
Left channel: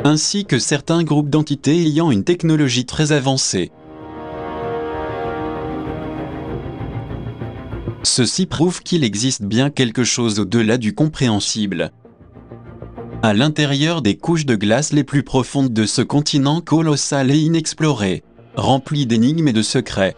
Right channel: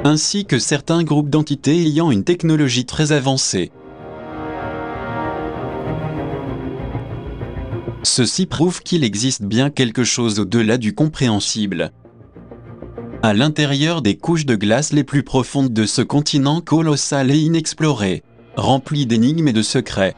ainsi que certains groupes d'entités ayant une technologie très avancée. Ceci prouve qu'il existe bien quelque chose au-delà du compréhensible, à l'intérieur des couches de glace les plus profondes de ce continent colossal et inexploré, rempli d'énigmes et de secrets.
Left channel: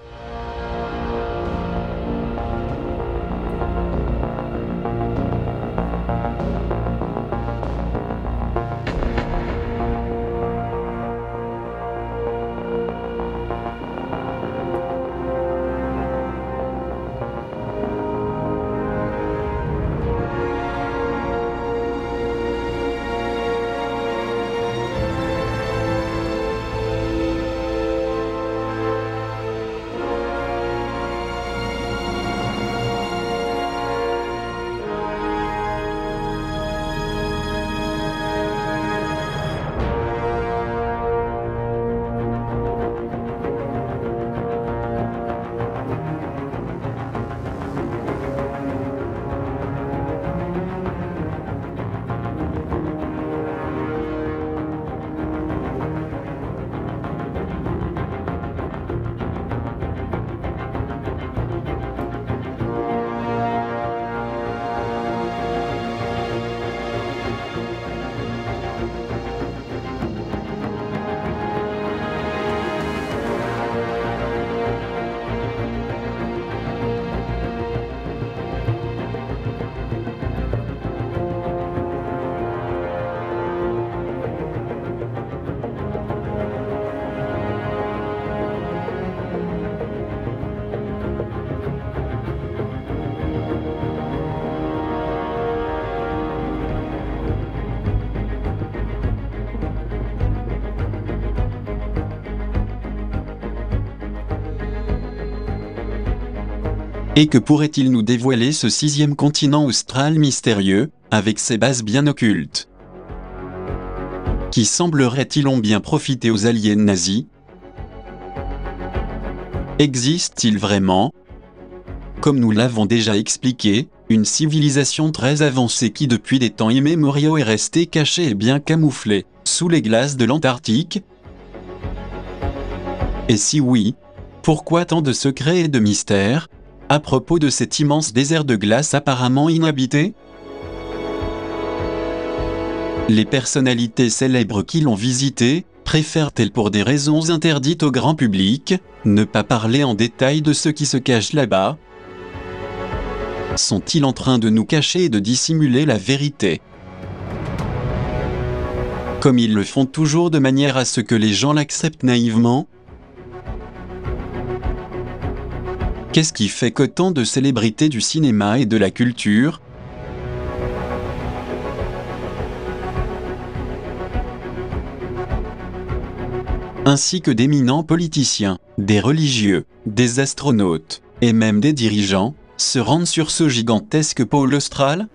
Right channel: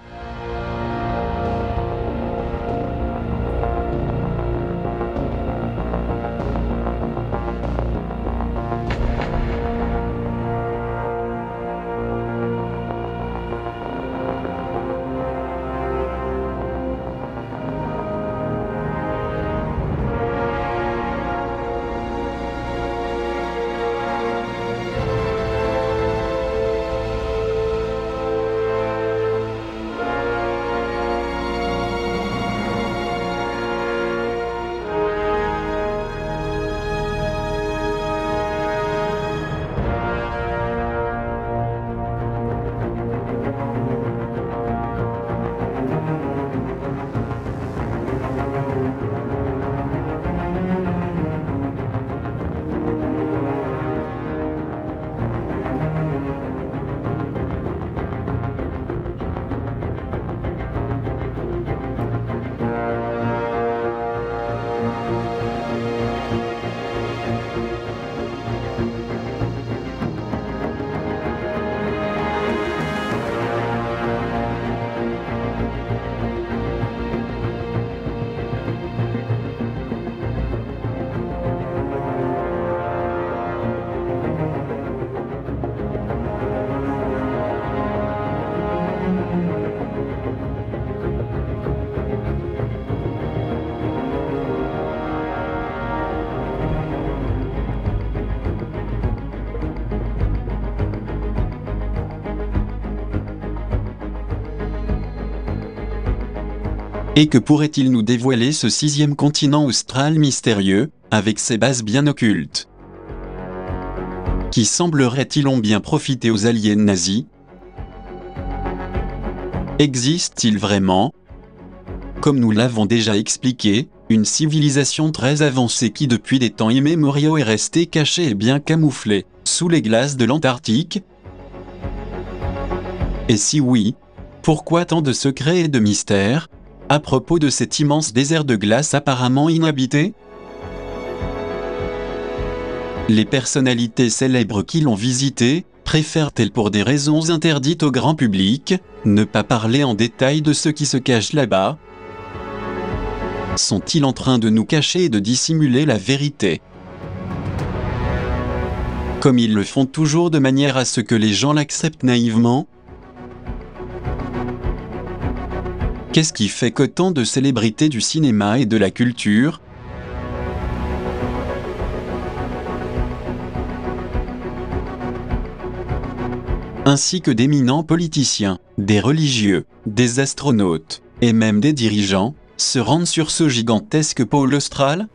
Et que pourrait-il nous dévoiler ce sixième continent austral mystérieux, avec ses bases bien occultes, qui semblerait-il ont bien profité aux aliens nazis? Existe-t-il vraiment, comme nous l'avons déjà expliqué, une civilisation très avancée qui depuis des temps immémoriaux est restée cachée et bien camouflée, sous les glaces de l'Antarctique? Et si oui, pourquoi tant de secrets et de mystères, à propos de cet immense désert de glace apparemment inhabité? Les personnalités célèbres qui l'ont visité, préfèrent-elles pour des raisons interdites au grand public, ne pas parler en détail de ce qui se cache là-bas? Sont-ils en train de nous cacher et de dissimuler la vérité, comme ils le font toujours de manière à ce que les gens l'acceptent naïvement? Qu'est-ce qui fait qu'autant de célébrités du cinéma et de la culture, ainsi que d'éminents politiciens, des religieux, des astronautes, et même des dirigeants, se rendent sur ce gigantesque pôle austral?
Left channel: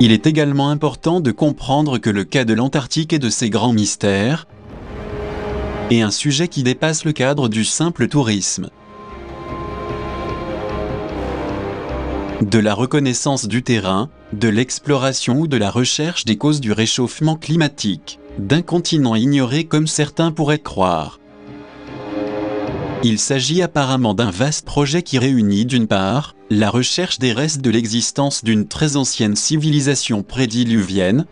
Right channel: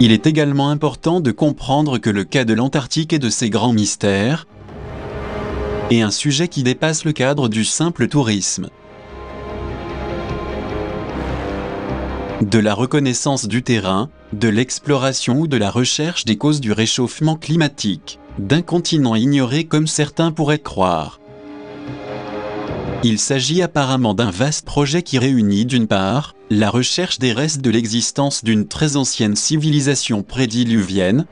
Il est également important de comprendre que le cas de l'Antarctique et de ses grands mystères est un sujet qui dépasse le cadre du simple tourisme. De la reconnaissance du terrain, de l'exploration ou de la recherche des causes du réchauffement climatique, d'un continent ignoré comme certains pourraient croire. Il s'agit apparemment d'un vaste projet qui réunit d'une part, la recherche des restes de l'existence d'une très ancienne civilisation prédiluvienne,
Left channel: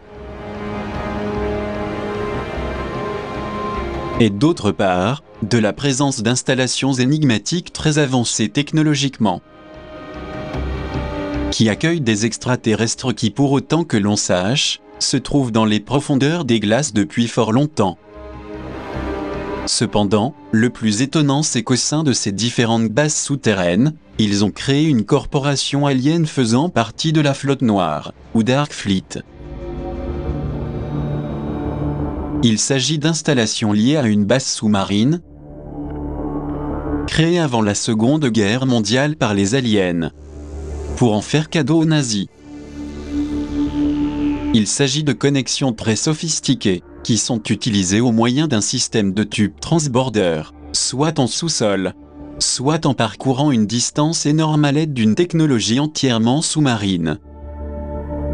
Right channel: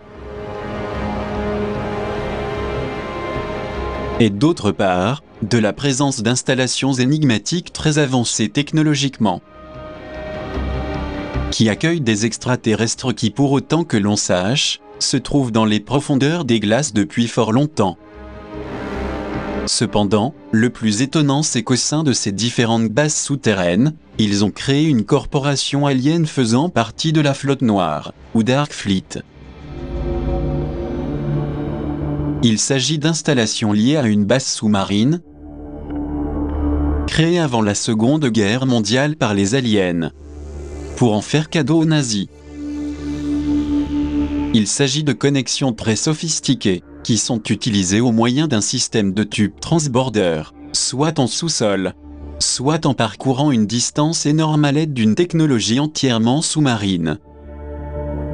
et d'autre part, de la présence d'installations énigmatiques très avancées technologiquement, qui accueillent des extraterrestres qui, pour autant que l'on sache, se trouvent dans les profondeurs des glaces depuis fort longtemps. Cependant, le plus étonnant c'est qu'au sein de ces différentes bases souterraines, ils ont créé une corporation alien faisant partie de la Flotte Noire, ou Dark Fleet. Il s'agit d'installations liées à une base sous-marine, créée avant la Seconde Guerre mondiale par les aliens, pour en faire cadeau aux nazis. Il s'agit de connexions très sophistiquées, qui sont utilisées au moyen d'un système de tubes transborder, soit en sous-sol, soit en parcourant une distance énorme à l'aide d'une technologie entièrement sous-marine.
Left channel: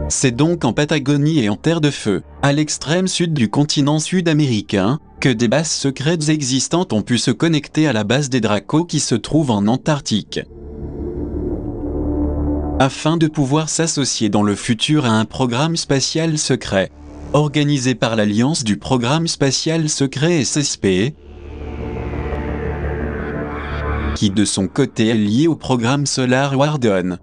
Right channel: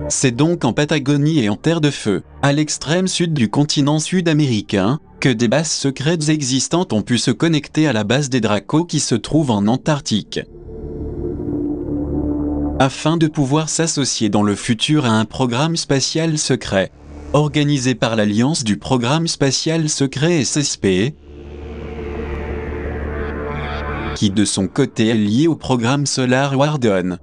C'est donc en Patagonie et en Terre de Feu, à l'extrême sud du continent sud-américain, que des bases secrètes existantes ont pu se connecter à la base des Dracos qui se trouve en Antarctique, afin de pouvoir s'associer dans le futur à un programme spatial secret, organisé par l'Alliance du Programme Spatial Secret SSP, qui de son côté est lié au programme Solar Warden.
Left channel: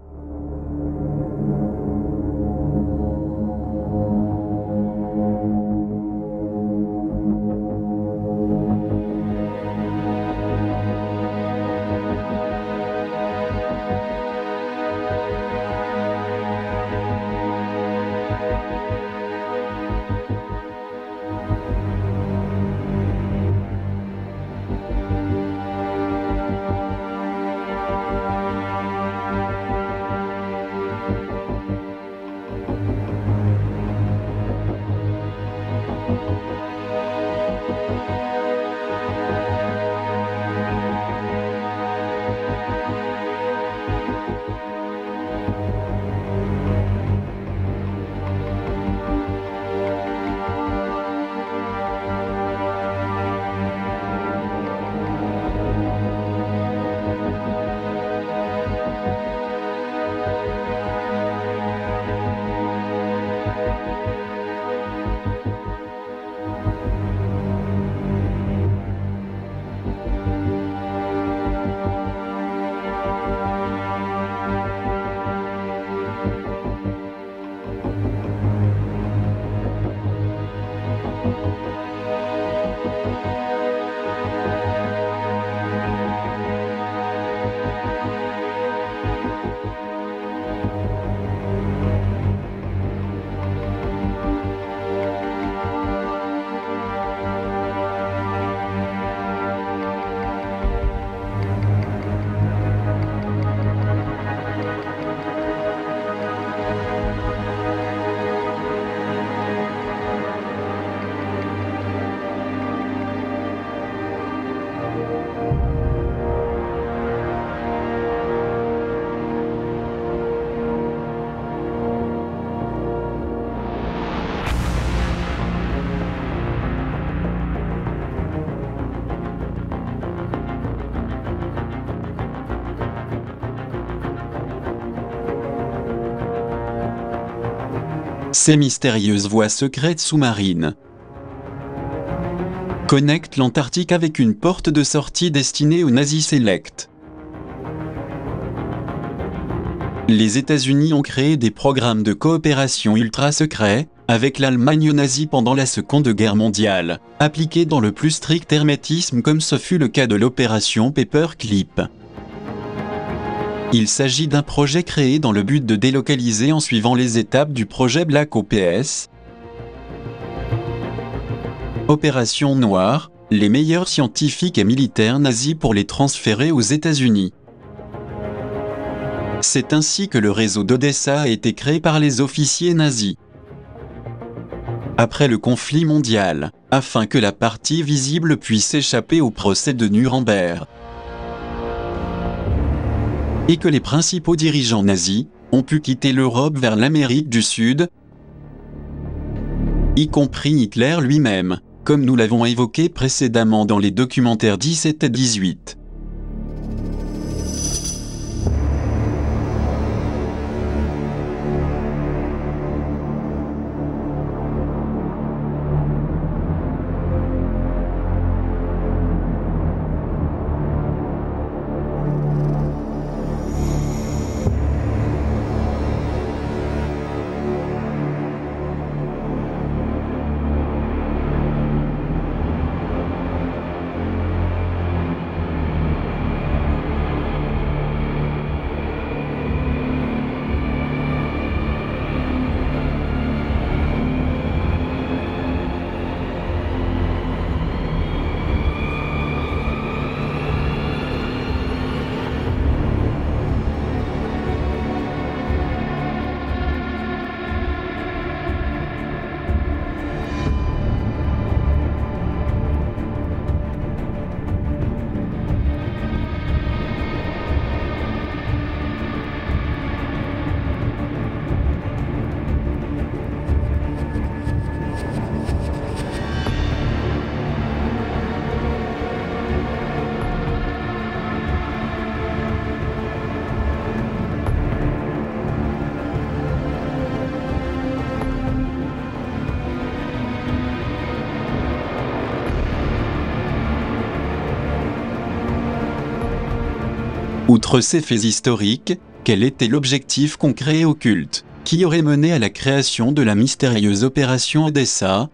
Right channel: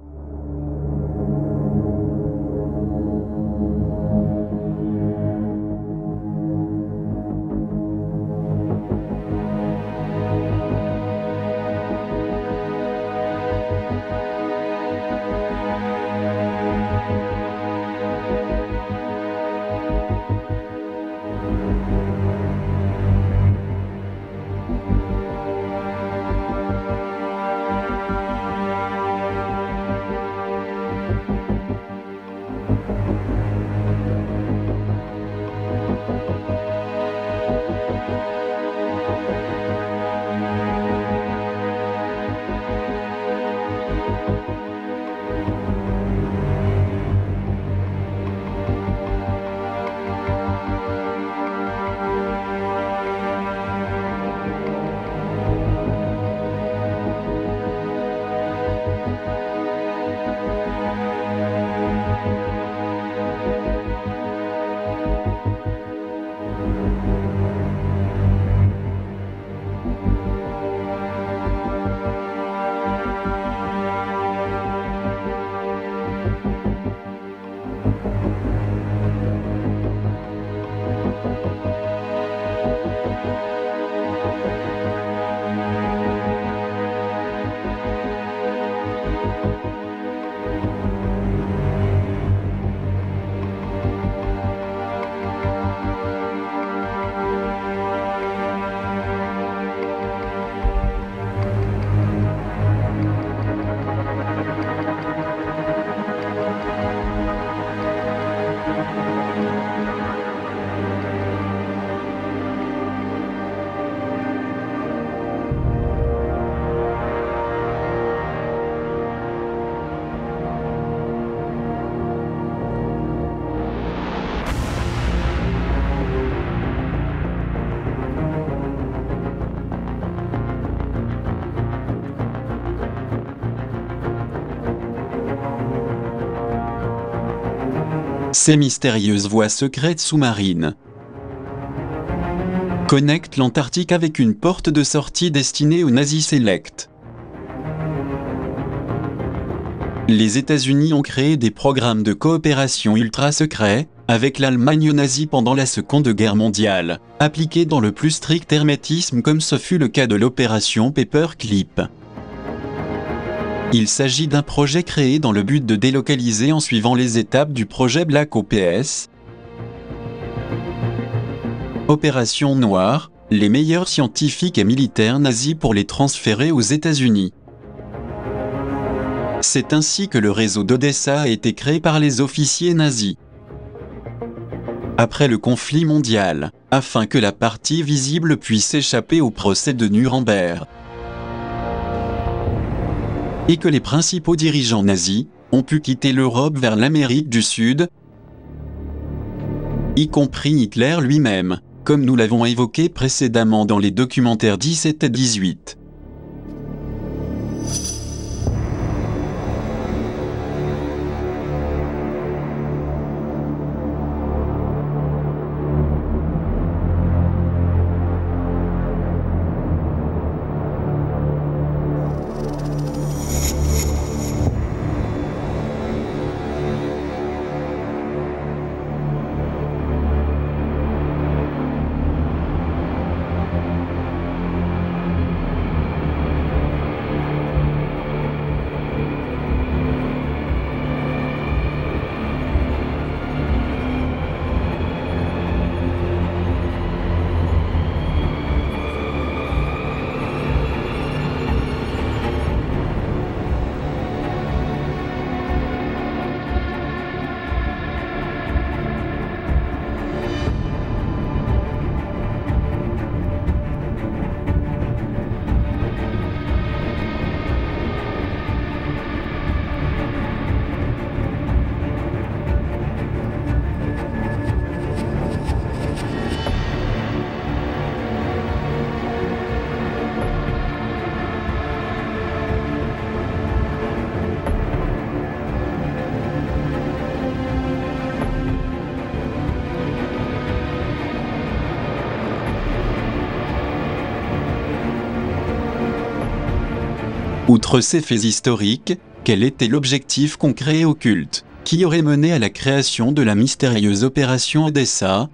Ces mystérieuses voies secrètes sous-marines connectent l'Antarctique avec une porte de sortie destinée aux nazis sélects. Les États-Unis ont créé des programmes de coopération ultra secrets avec l'Allemagne nazie pendant la Seconde Guerre mondiale, appliqués dans le plus strict hermétisme comme ce fut le cas de l'opération Paperclip. Il s'agit d'un projet créé dans le but de délocaliser en suivant les étapes du projet Black Ops. Opération Noire, les meilleurs scientifiques et militaires nazis pour les transférer aux États-Unis. C'est ainsi que le réseau d'Odessa a été créé par les officiers nazis. Après le conflit mondial, afin que la partie visible puisse échapper au procès de Nuremberg, et que les principaux dirigeants nazis ont pu quitter l'Europe vers l'Amérique du Sud, y compris Hitler lui-même, comme nous l'avons évoqué précédemment dans les documentaires 17 et 18. Outre ces faits historiques, quel était l'objectif concret et occulte qui aurait mené à la création de la mystérieuse opération Odessa?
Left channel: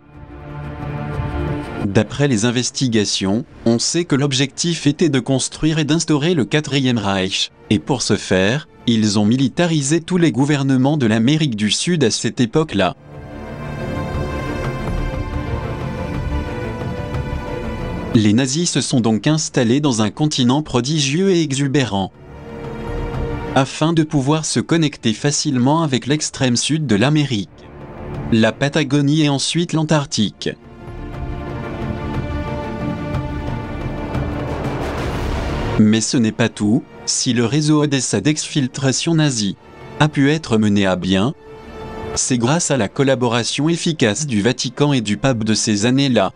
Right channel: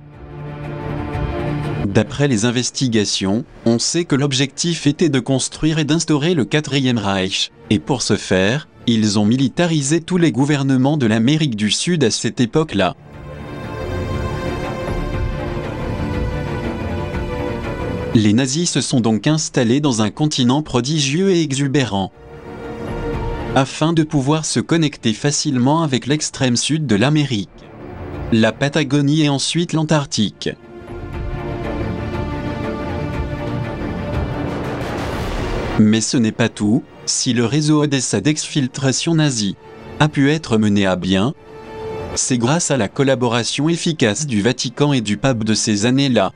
D'après les investigations, on sait que l'objectif était de construire et d'instaurer le Quatrième Reich, et pour ce faire, ils ont militarisé tous les gouvernements de l'Amérique du Sud à cette époque-là. Les nazis se sont donc installés dans un continent prodigieux et exubérant, afin de pouvoir se connecter facilement avec l'extrême sud de l'Amérique, la Patagonie et ensuite l'Antarctique. Mais ce n'est pas tout. Si le réseau Odessa d'exfiltration nazie a pu être mené à bien, c'est grâce à la collaboration efficace du Vatican et du pape de ces années-là.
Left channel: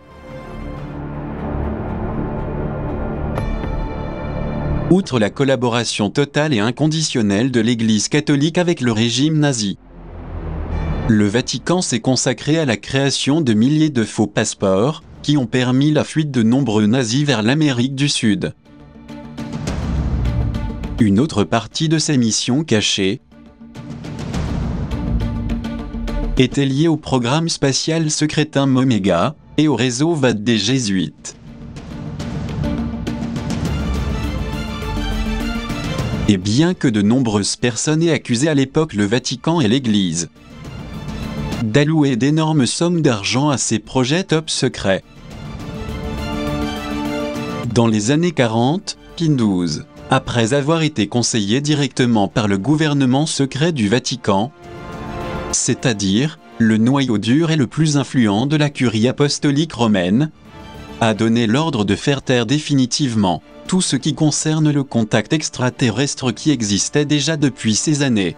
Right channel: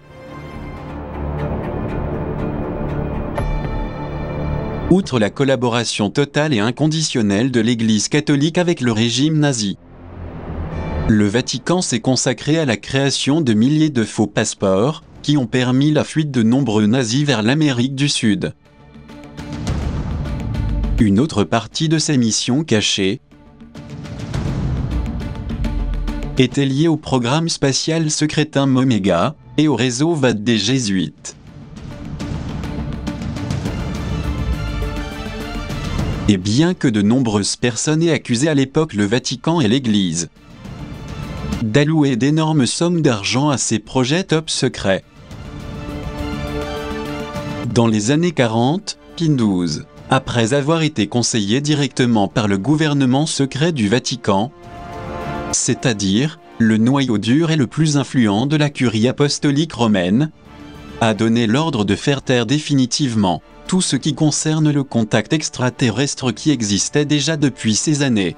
Outre la collaboration totale et inconditionnelle de l'Église catholique avec le régime nazi, le Vatican s'est consacré à la création de milliers de faux passeports qui ont permis la fuite de nombreux nazis vers l'Amérique du Sud. Une autre partie de ces missions cachées était liée au programme spatial Secretum Omega et au réseau VAT des Jésuites. Et bien que de nombreuses personnes aient accusé à l'époque le Vatican et l'Église d'allouer d'énormes sommes d'argent à ces projets top secrets, dans les années 40, Pie XII, après avoir été conseillé directement par le gouvernement secret du Vatican, c'est-à-dire le noyau dur et le plus influent de la curie apostolique romaine, a donné l'ordre de faire taire définitivement tout ce qui concerne le contact extraterrestre qui existait déjà depuis ces années.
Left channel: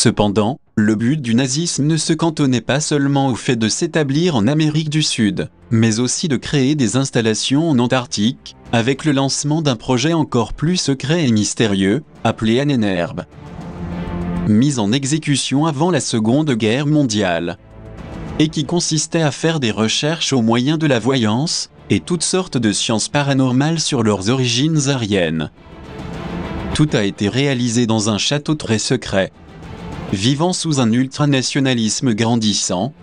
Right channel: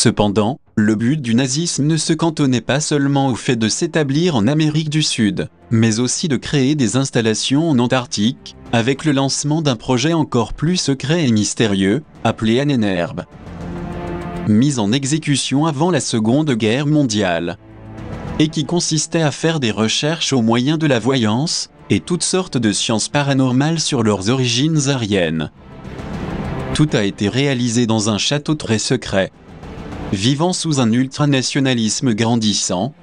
Cependant, le but du nazisme ne se cantonnait pas seulement au fait de s'établir en Amérique du Sud, mais aussi de créer des installations en Antarctique, avec le lancement d'un projet encore plus secret et mystérieux, appelé Ahnenerbe. Mis en exécution avant la Seconde Guerre mondiale, et qui consistait à faire des recherches au moyen de la voyance, et toutes sortes de sciences paranormales sur leurs origines aryennes. Tout a été réalisé dans un château très secret. Vivant sous un ultranationalisme grandissant,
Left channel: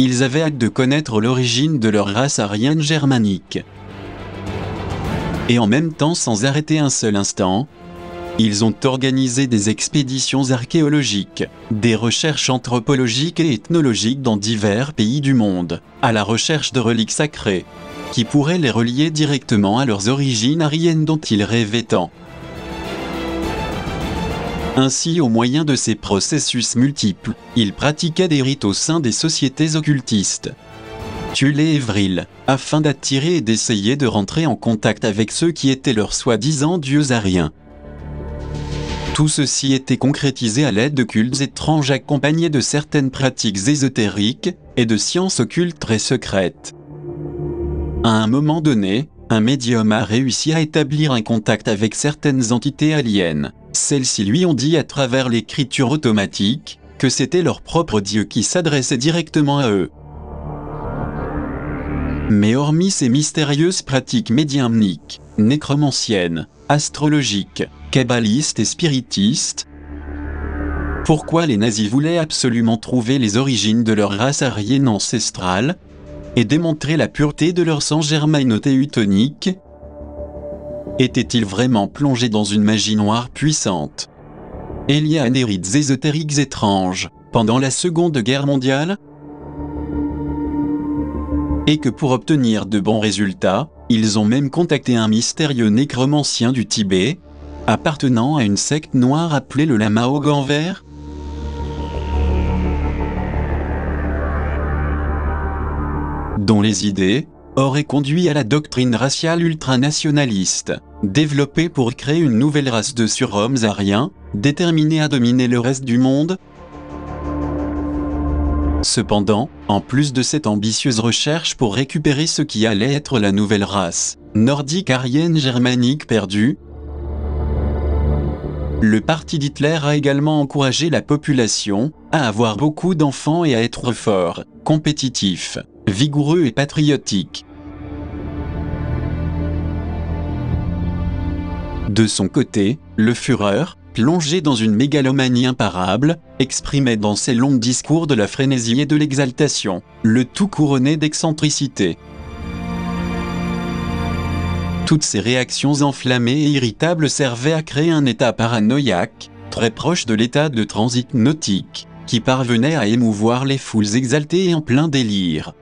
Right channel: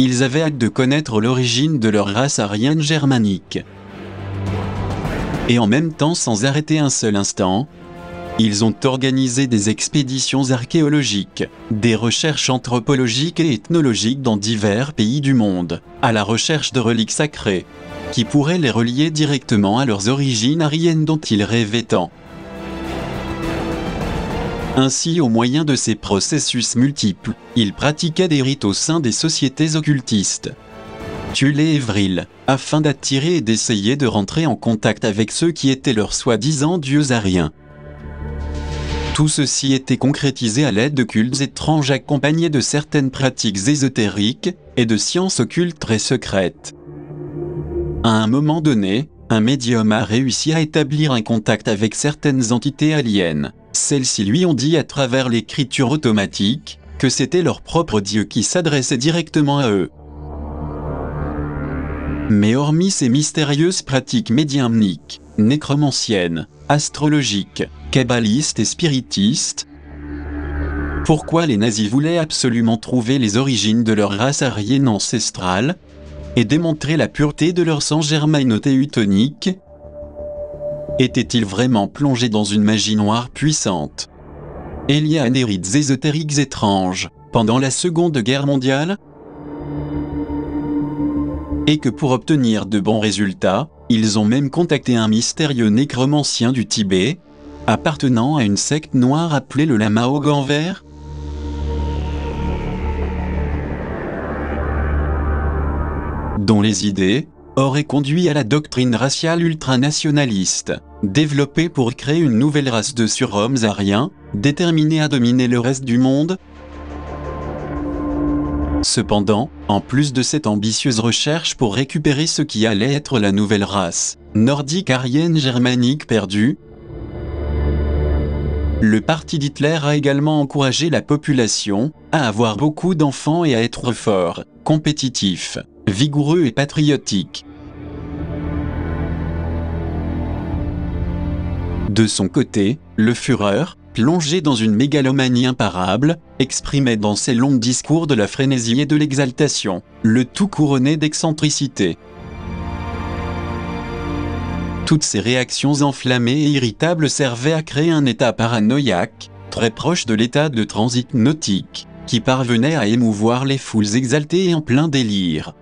ils avaient hâte de connaître l'origine de leur race aryenne germanique. Et en même temps, sans arrêter un seul instant, ils ont organisé des expéditions archéologiques, des recherches anthropologiques et ethnologiques dans divers pays du monde, à la recherche de reliques sacrées, qui pourraient les relier directement à leurs origines aryennes dont ils rêvaient tant. Ainsi, au moyen de ces processus multiples, ils pratiquaient des rites au sein des sociétés occultistes, Thulé et Vril, afin d'attirer et d'essayer de rentrer en contact avec ceux qui étaient leurs soi-disant dieux aryens. Tout ceci était concrétisé à l'aide de cultes étranges accompagnés de certaines pratiques ésotériques et de sciences occultes très secrètes. À un moment donné, un médium a réussi à établir un contact avec certaines entités aliens. Celles-ci lui ont dit à travers l'écriture automatique que c'était leur propre Dieu qui s'adressait directement à eux. Mais hormis ces mystérieuses pratiques médiumniques, nécromanciennes, astrologiques, kabbalistes et spiritistes, pourquoi les nazis voulaient absolument trouver les origines de leur race aryenne ancestrale et démontrer la pureté de leur sang germano-teutonique? Étaient-ils vraiment plongés dans une magie noire puissante, liée à des rites ésotériques étranges, pendant la Seconde Guerre mondiale? Et que pour obtenir de bons résultats, ils ont même contacté un mystérieux nécromancien du Tibet, appartenant à une secte noire appelée le Lama au gant vert? Dont les idées auraient conduit à la doctrine raciale ultranationaliste, développée pour créer une nouvelle race de surhommes aryens, déterminés à dominer le reste du monde. Cependant, en plus de cette ambitieuse recherche pour récupérer ce qui allait être la nouvelle race nordique aryenne germanique perdue, le parti d'Hitler a également encouragé la population à avoir beaucoup d'enfants et à être fort, compétitif, vigoureux et patriotique. De son côté, le Führer, plongé dans une mégalomanie imparable, exprimait dans ses longs discours de la frénésie et de l'exaltation, le tout couronné d'excentricité. Toutes ces réactions enflammées et irritables servaient à créer un état paranoïaque, très proche de l'état de transit nautique, qui parvenait à émouvoir les foules exaltées et en plein délire.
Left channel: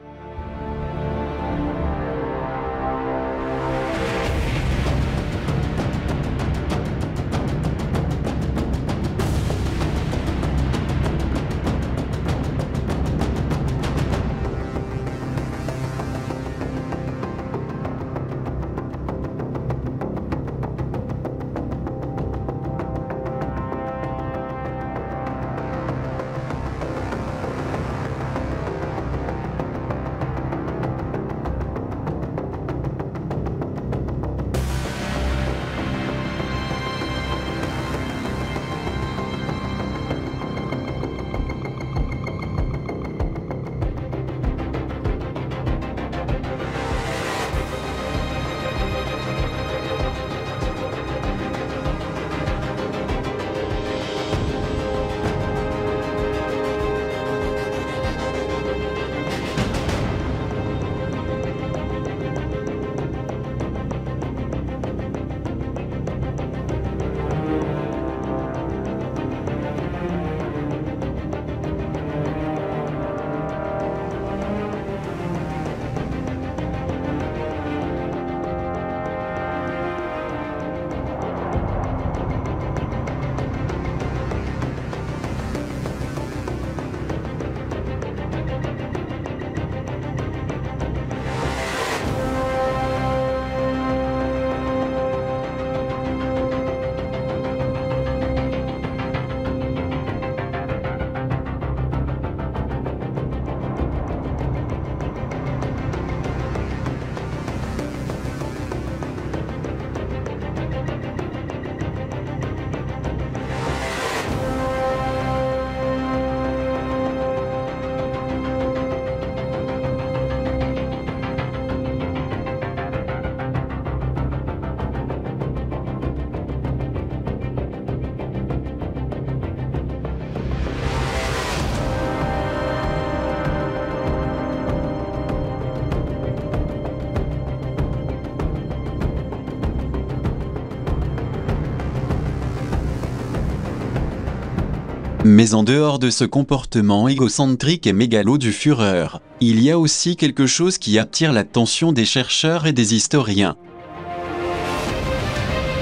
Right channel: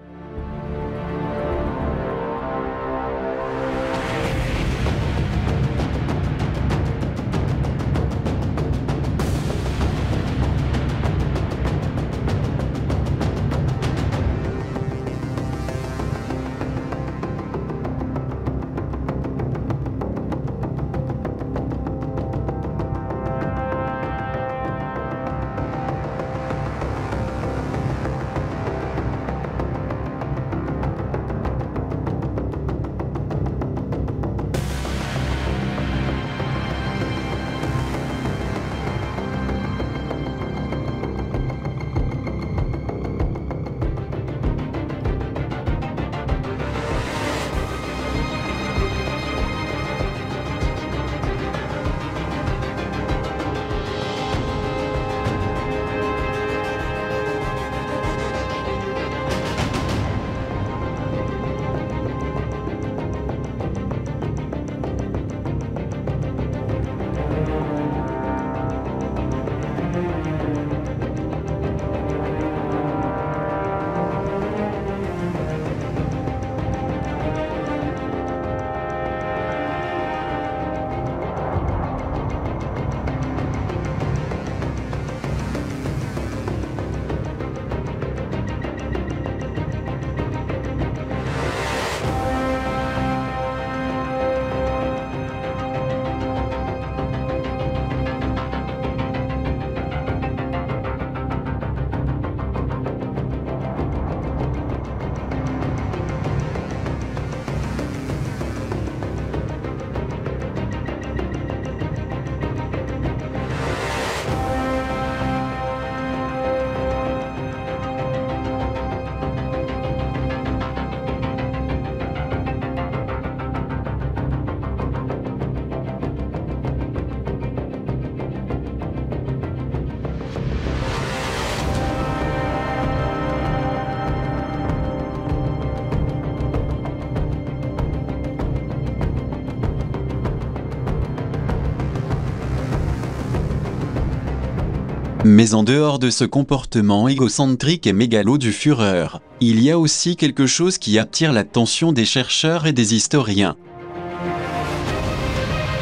Mais en dehors de ce comportement égocentrique et mégalo du Führer, il y a aussi quelque chose qui attire l'attention des chercheurs et des historiens.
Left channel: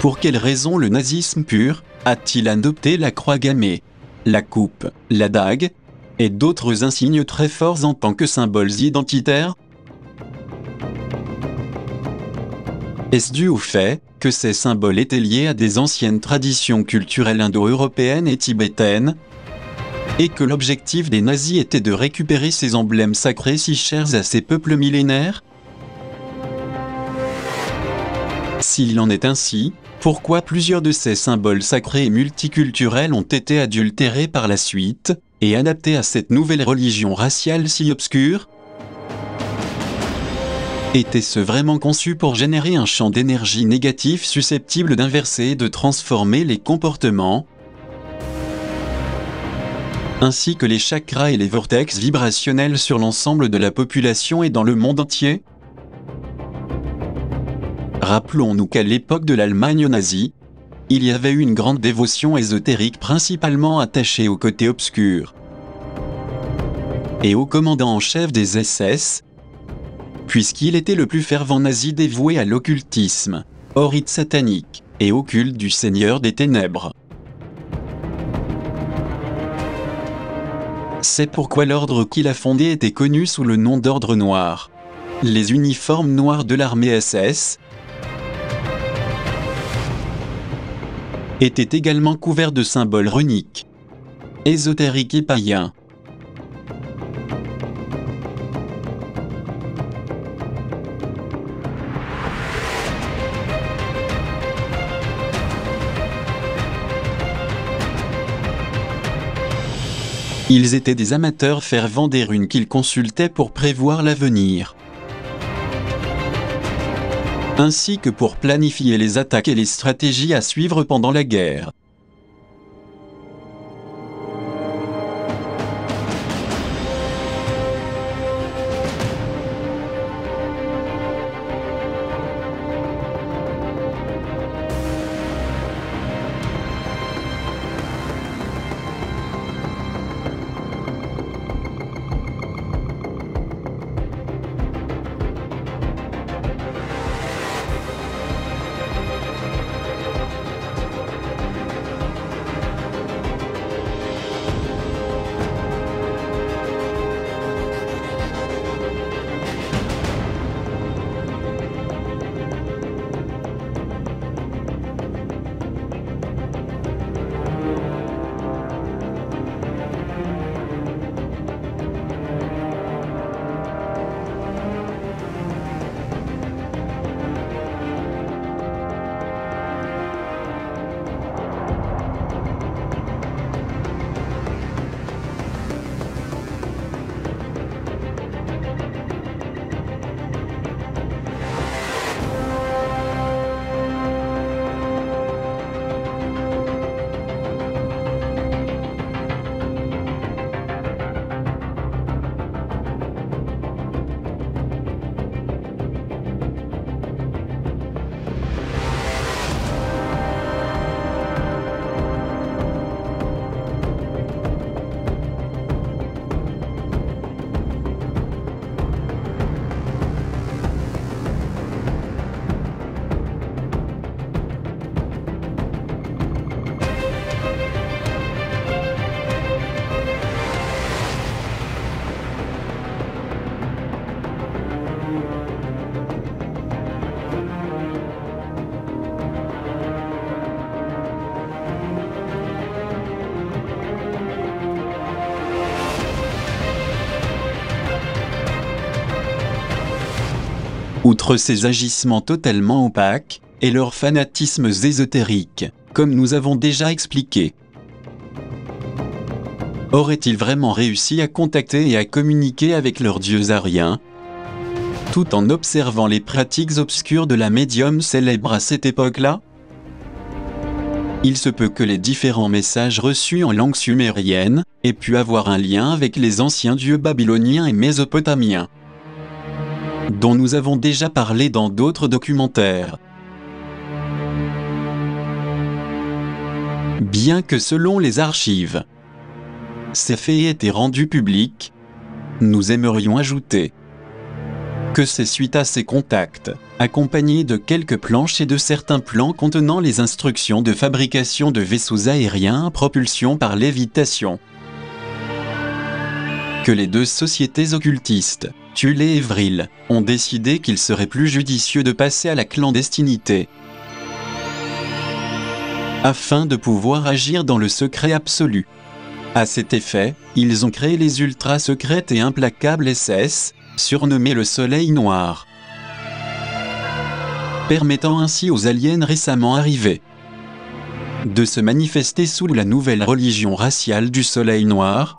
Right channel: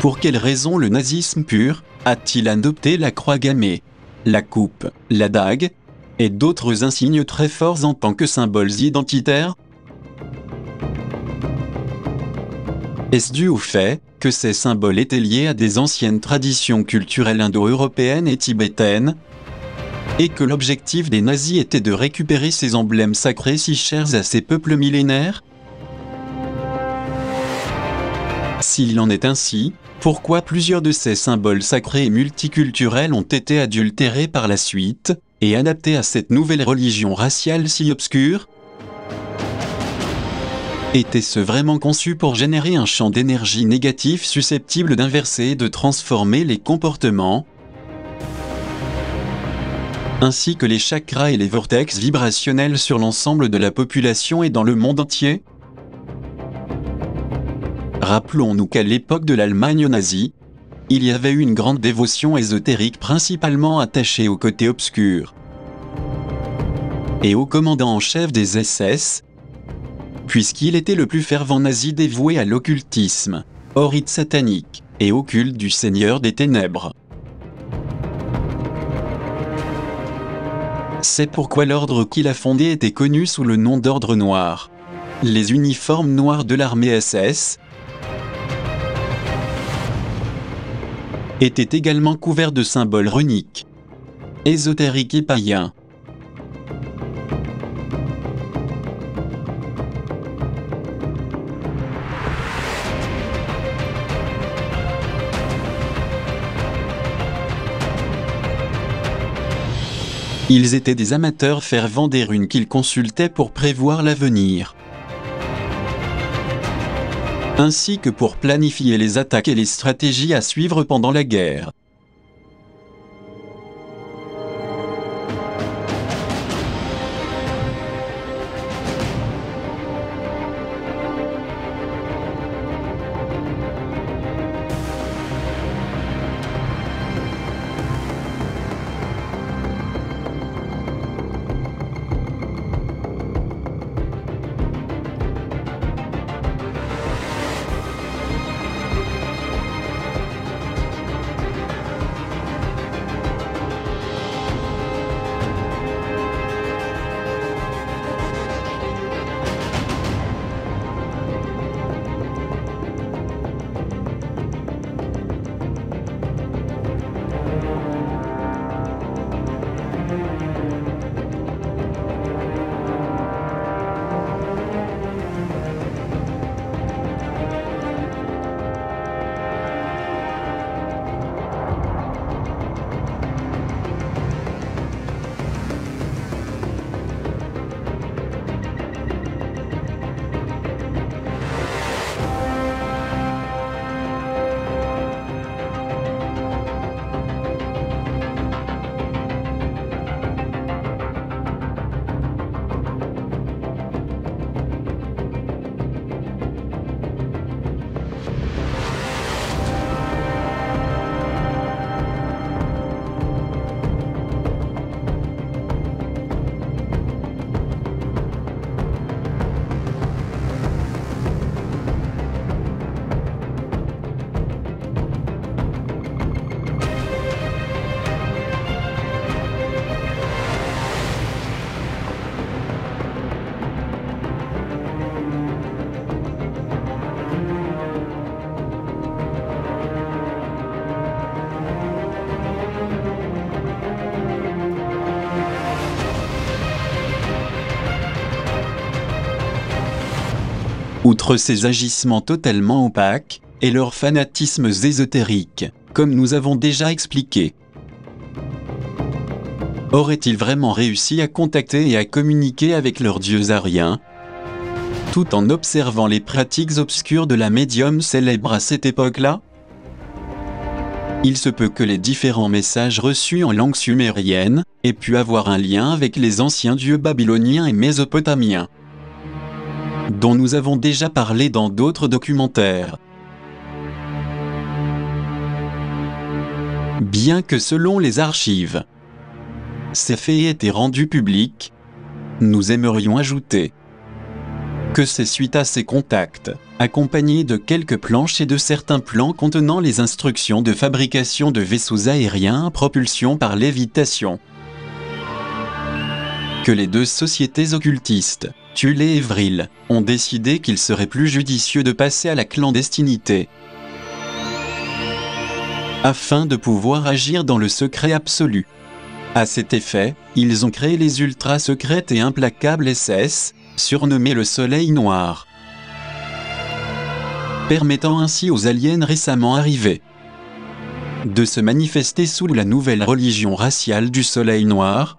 Pour quelle raison le nazisme pur a-t-il adopté la croix gammée, la coupe, la dague et d'autres insignes très forts en tant que symboles identitaires? Est-ce dû au fait que ces symboles étaient liés à des anciennes traditions culturelles indo-européennes et tibétaines, et que l'objectif des nazis était de récupérer ces emblèmes sacrés si chers à ces peuples millénaires? S'il en est ainsi, pourquoi plusieurs de ces symboles sacrés et multiculturels ont été adultérés par la suite, et adaptés à cette nouvelle religion raciale si obscure? Était-ce vraiment conçu pour générer un champ d'énergie négatif susceptible d'inverser et de transformer les comportements, ainsi que les chakras et les vortex vibrationnels sur l'ensemble de la population et dans le monde entier? Rappelons-nous qu'à l'époque de l'Allemagne nazie, il y avait eu une grande dévotion ésotérique principalement attachée au côté obscur et au commandant en chef des SS, puisqu'il était le plus fervent nazi dévoué à l'occultisme, au rite satanique et au culte du Seigneur des Ténèbres. C'est pourquoi l'ordre qu'il a fondé était connu sous le nom d'Ordre Noir. Les uniformes noirs de l'armée SS étaient également couverts de symboles runiques, ésotériques et païens. Ils étaient des amateurs fervents des runes qu'ils consultaient pour prévoir l'avenir, ainsi que pour planifier les attaques et les stratégies à suivre pendant la guerre. Outre ces agissements totalement opaques, et leurs fanatismes ésotériques, comme nous avons déjà expliqué, auraient-ils vraiment réussi à contacter et à communiquer avec leurs dieux ariens, tout en observant les pratiques obscures de la médium célèbre à cette époque-là? Il se peut que les différents messages reçus en langue sumérienne aient pu avoir un lien avec les anciens dieux babyloniens et mésopotamiens, dont nous avons déjà parlé dans d'autres documentaires. Bien que selon les archives, Ces faits étaient rendus publics. Nous aimerions ajouter que c'est suite à ces contacts, accompagnés de quelques planches et de certains plans contenant les instructions de fabrication de vaisseaux aériens à propulsion par lévitation, que les deux sociétés occultistes, Thule et Vril, ont décidé qu'il serait plus judicieux de passer à la clandestinité, afin de pouvoir agir dans le secret absolu. À cet effet, ils ont créé les ultra-secrètes et implacables SS, surnommés le Soleil Noir, permettant ainsi aux aliens récemment arrivés de se manifester sous la nouvelle religion raciale du Soleil Noir.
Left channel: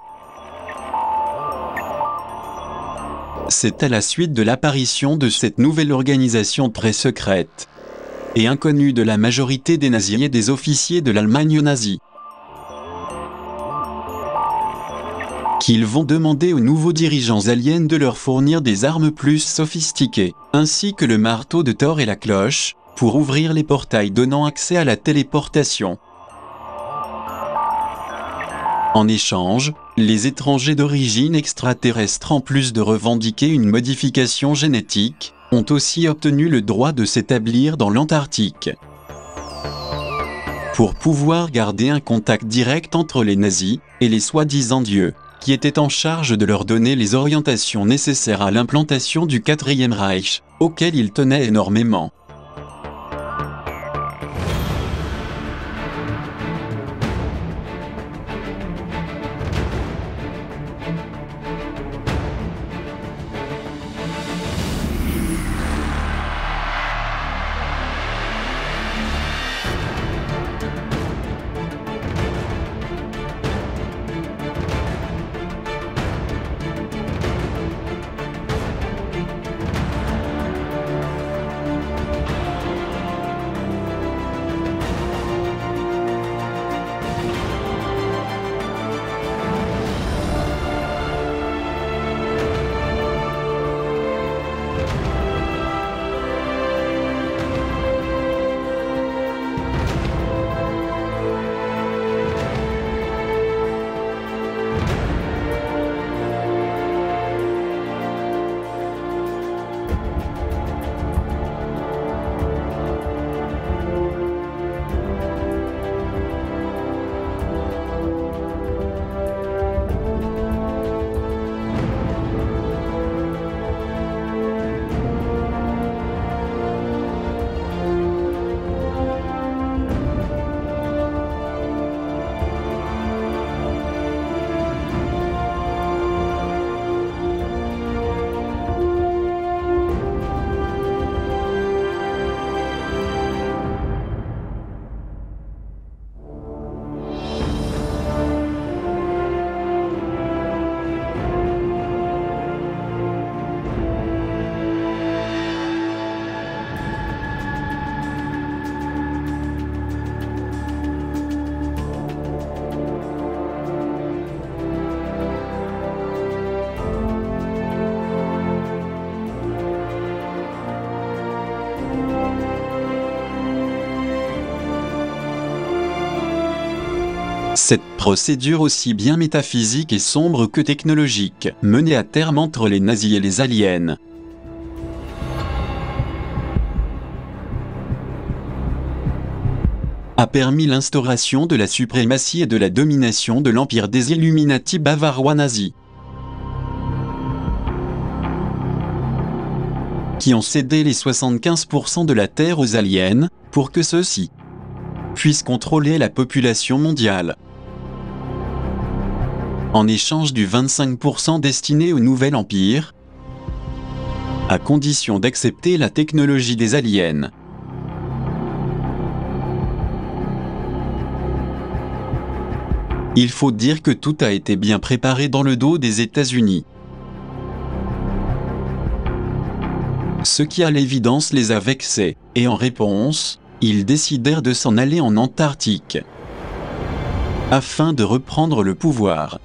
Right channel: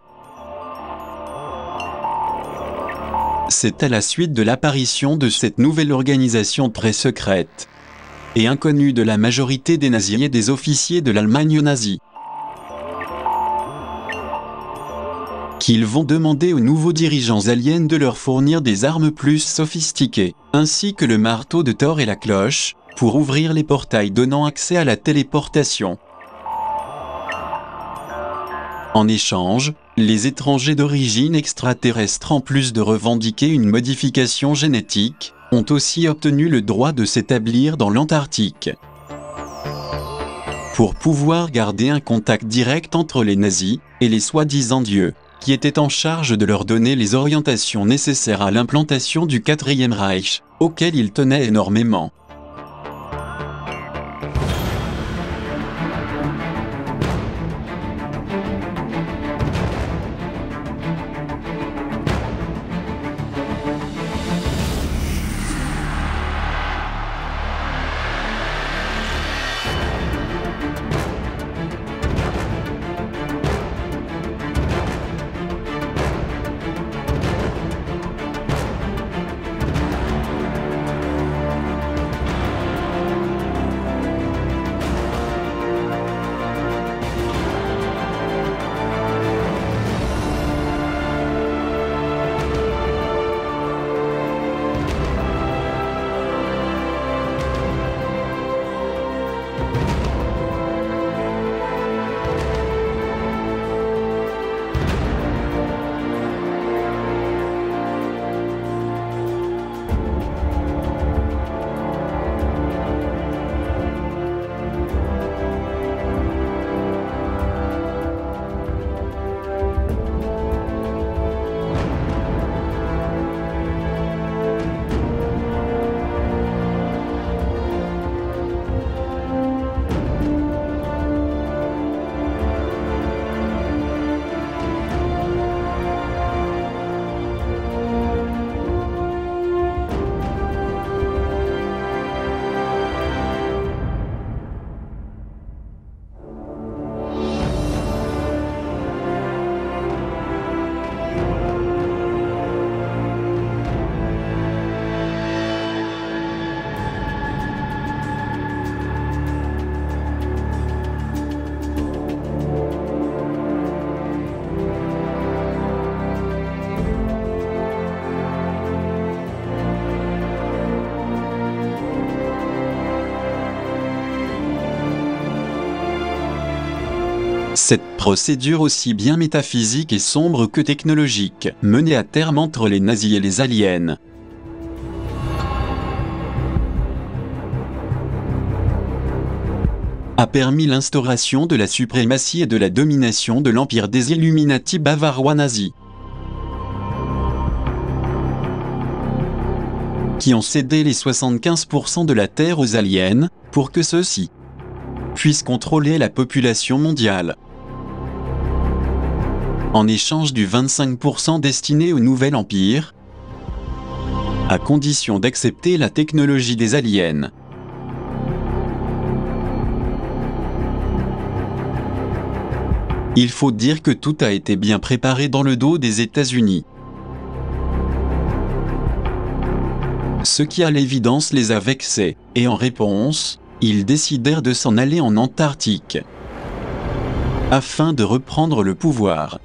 C'est à la suite de l'apparition de cette nouvelle organisation très secrète et inconnue de la majorité des nazis et des officiers de l'Allemagne nazie qu'ils vont demander aux nouveaux dirigeants aliens de leur fournir des armes plus sophistiquées, ainsi que le marteau de Thor et la cloche, pour ouvrir les portails donnant accès à la téléportation. En échange, les étrangers d'origine extraterrestre, en plus de revendiquer une modification génétique, ont aussi obtenu le droit de s'établir dans l'Antarctique, pour pouvoir garder un contact direct entre les nazis et les soi-disant dieux, qui étaient en charge de leur donner les orientations nécessaires à l'implantation du Quatrième Reich, auquel ils tenaient énormément. Cette procédure aussi bien métaphysique et sombre que technologique, menée à terme entre les nazis et les aliens, a permis l'instauration de la suprématie et de la domination de l'empire des Illuminati bavarois nazis, qui ont cédé les 75% de la Terre aux aliens, pour que ceux-ci puissent contrôler la population mondiale, en échange du 25% destiné au nouvel empire, à condition d'accepter la technologie des aliens. Il faut dire que tout a été bien préparé dans le dos des États-Unis, ce qui à l'évidence les a vexés, et en réponse, ils décidèrent de s'en aller en Antarctique, afin de reprendre le pouvoir.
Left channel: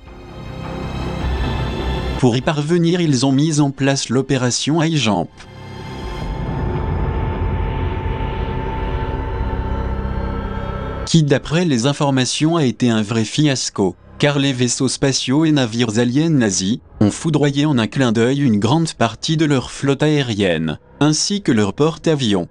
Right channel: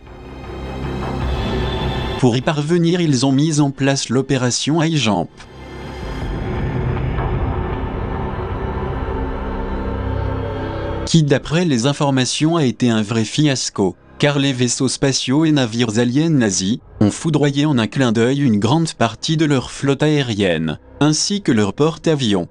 Pour y parvenir, ils ont mis en place l'opération High Jump, qui d'après les informations a été un vrai fiasco. car les vaisseaux spatiaux et navires aliens nazis ont foudroyé en un clin d'œil une grande partie de leur flotte aérienne, ainsi que leur porte-avions.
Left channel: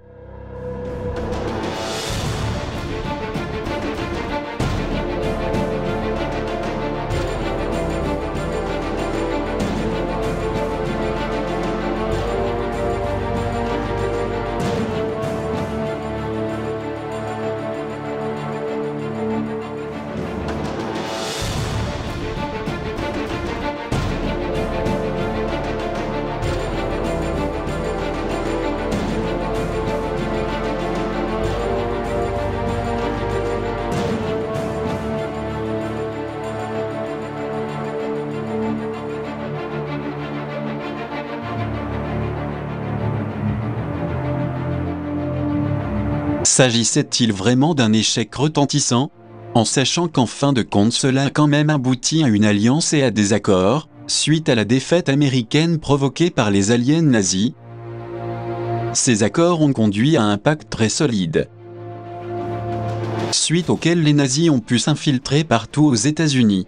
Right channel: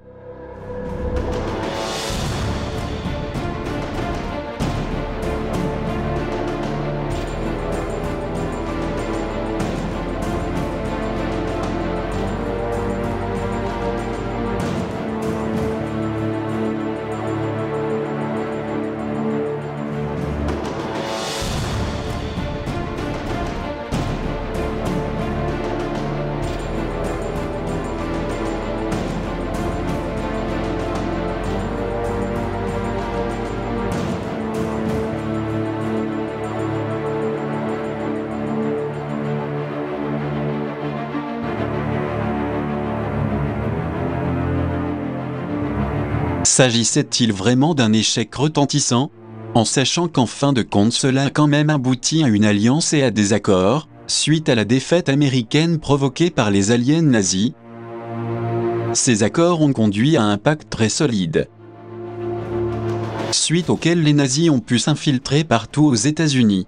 S'agissait-il vraiment d'un échec retentissant? En sachant qu'en fin de compte cela a quand même abouti à une alliance et à des accords, suite à la défaite américaine provoquée par les aliens nazis. Ces accords ont conduit à un pacte très solide, suite auquel les nazis ont pu s'infiltrer partout aux États-Unis.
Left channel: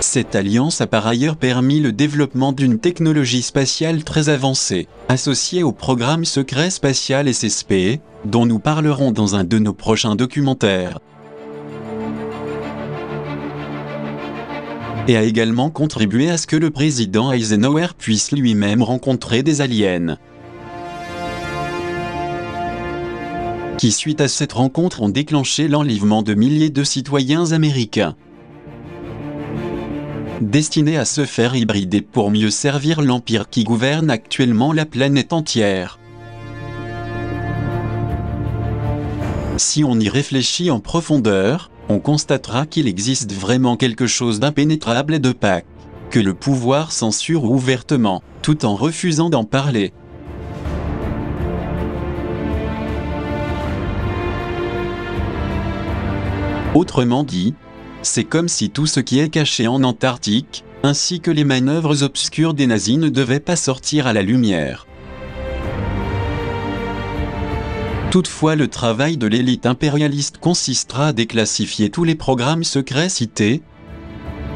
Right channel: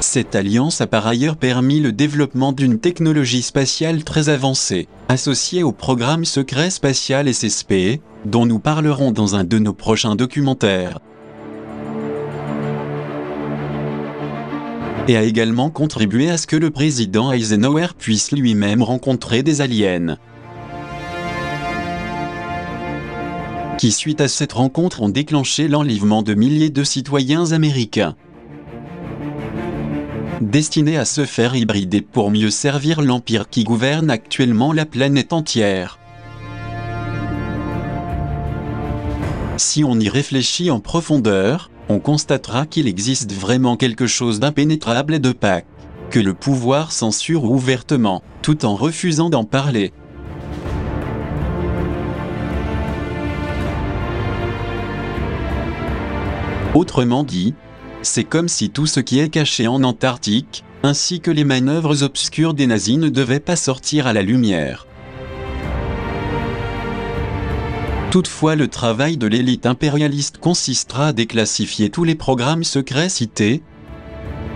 Cette alliance a par ailleurs permis le développement d'une technologie spatiale très avancée, associée au programme secret spatial SSP, dont nous parlerons dans un de nos prochains documentaires. Et a également contribué à ce que le président Eisenhower puisse lui-même rencontrer des aliens, qui suite à cette rencontre ont déclenché l'enlèvement de milliers de citoyens américains, destinés à se faire hybrider pour mieux servir l'empire qui gouverne actuellement la planète entière. Si on y réfléchit en profondeur, on constatera qu'il existe vraiment quelque chose d'impénétrable et d'opaque, que le pouvoir censure ouvertement, tout en refusant d'en parler. Autrement dit, c'est comme si tout ce qui est caché en Antarctique, ainsi que les manœuvres obscures des nazis ne devaient pas sortir à la lumière. Toutefois, le travail de l'élite impérialiste consistera à déclassifier tous les programmes secrets cités,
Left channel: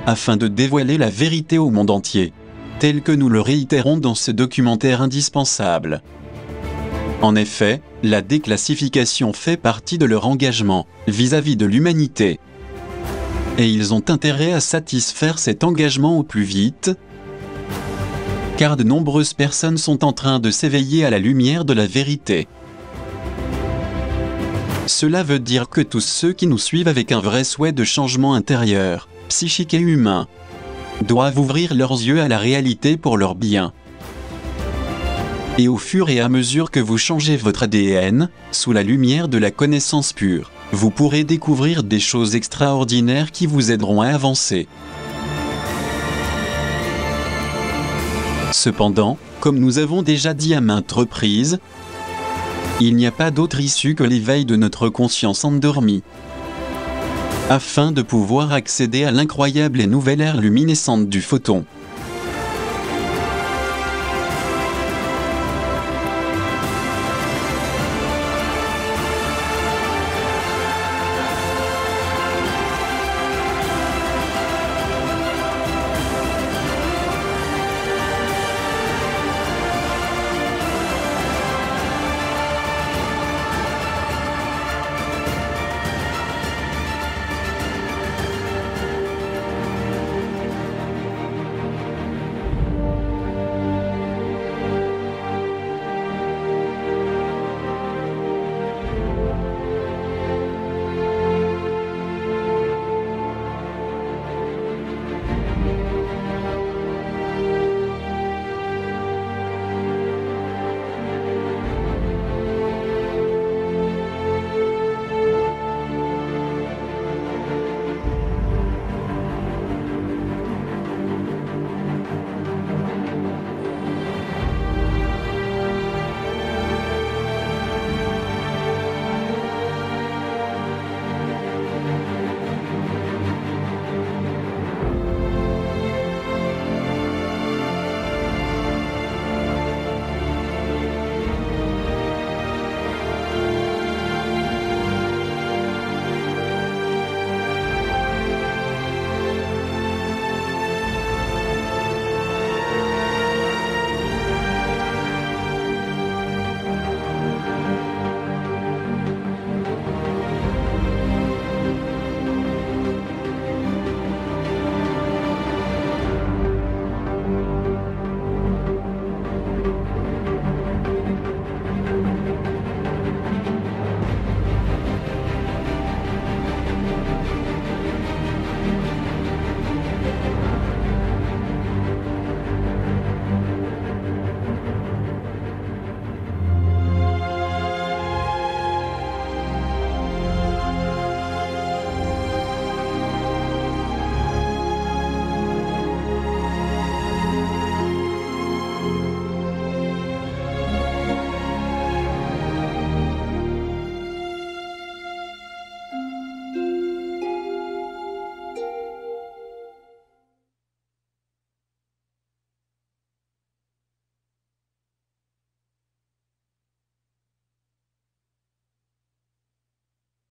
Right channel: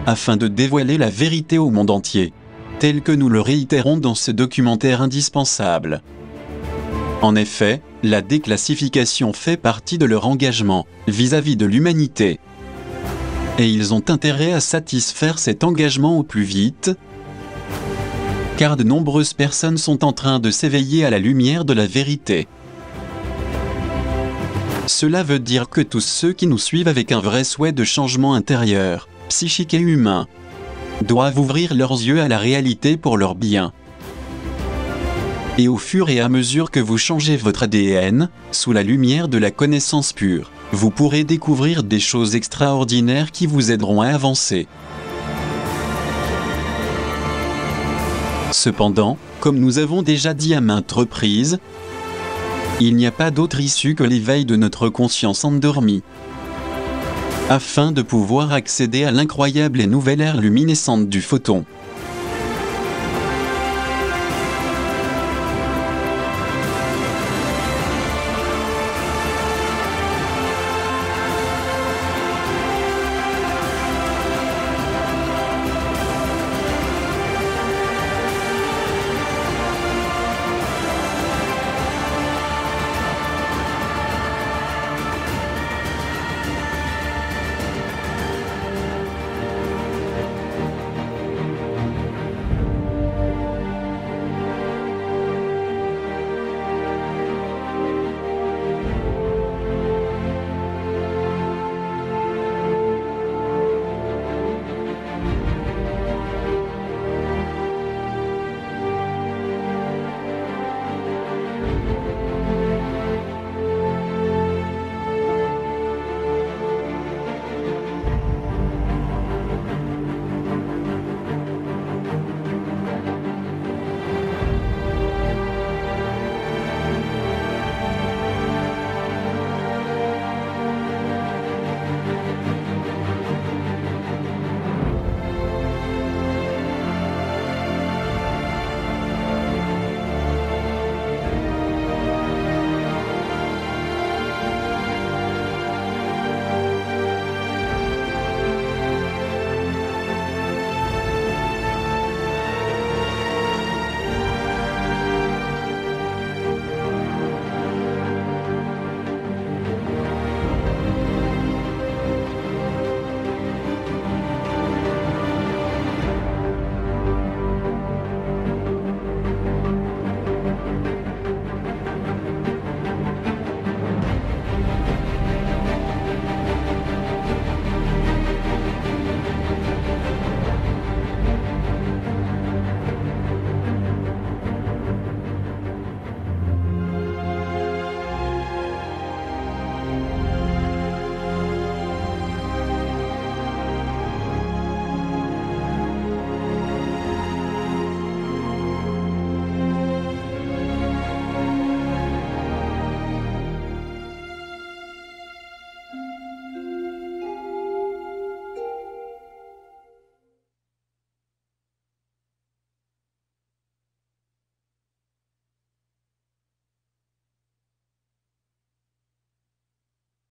afin de dévoiler la vérité au monde entier, tel que nous le réitérons dans ce documentaire indispensable. En effet, la déclassification fait partie de leur engagement vis-à-vis de l'humanité. Et ils ont intérêt à satisfaire cet engagement au plus vite, car de nombreuses personnes sont en train de s'éveiller à la lumière de la vérité. Cela veut dire que tous ceux qui nous suivent avec un vrai souhait de changement intérieur, psychique et humain, doivent ouvrir leurs yeux à la réalité pour leur bien. Et au fur et à mesure que vous changez votre ADN, sous la lumière de la connaissance pure, vous pourrez découvrir des choses extraordinaires qui vous aideront à avancer. Cependant, comme nous avons déjà dit à maintes reprises, il n'y a pas d'autre issue que l'éveil de notre conscience endormie, afin de pouvoir accéder à l'incroyable et nouvelle ère luminescente du photon.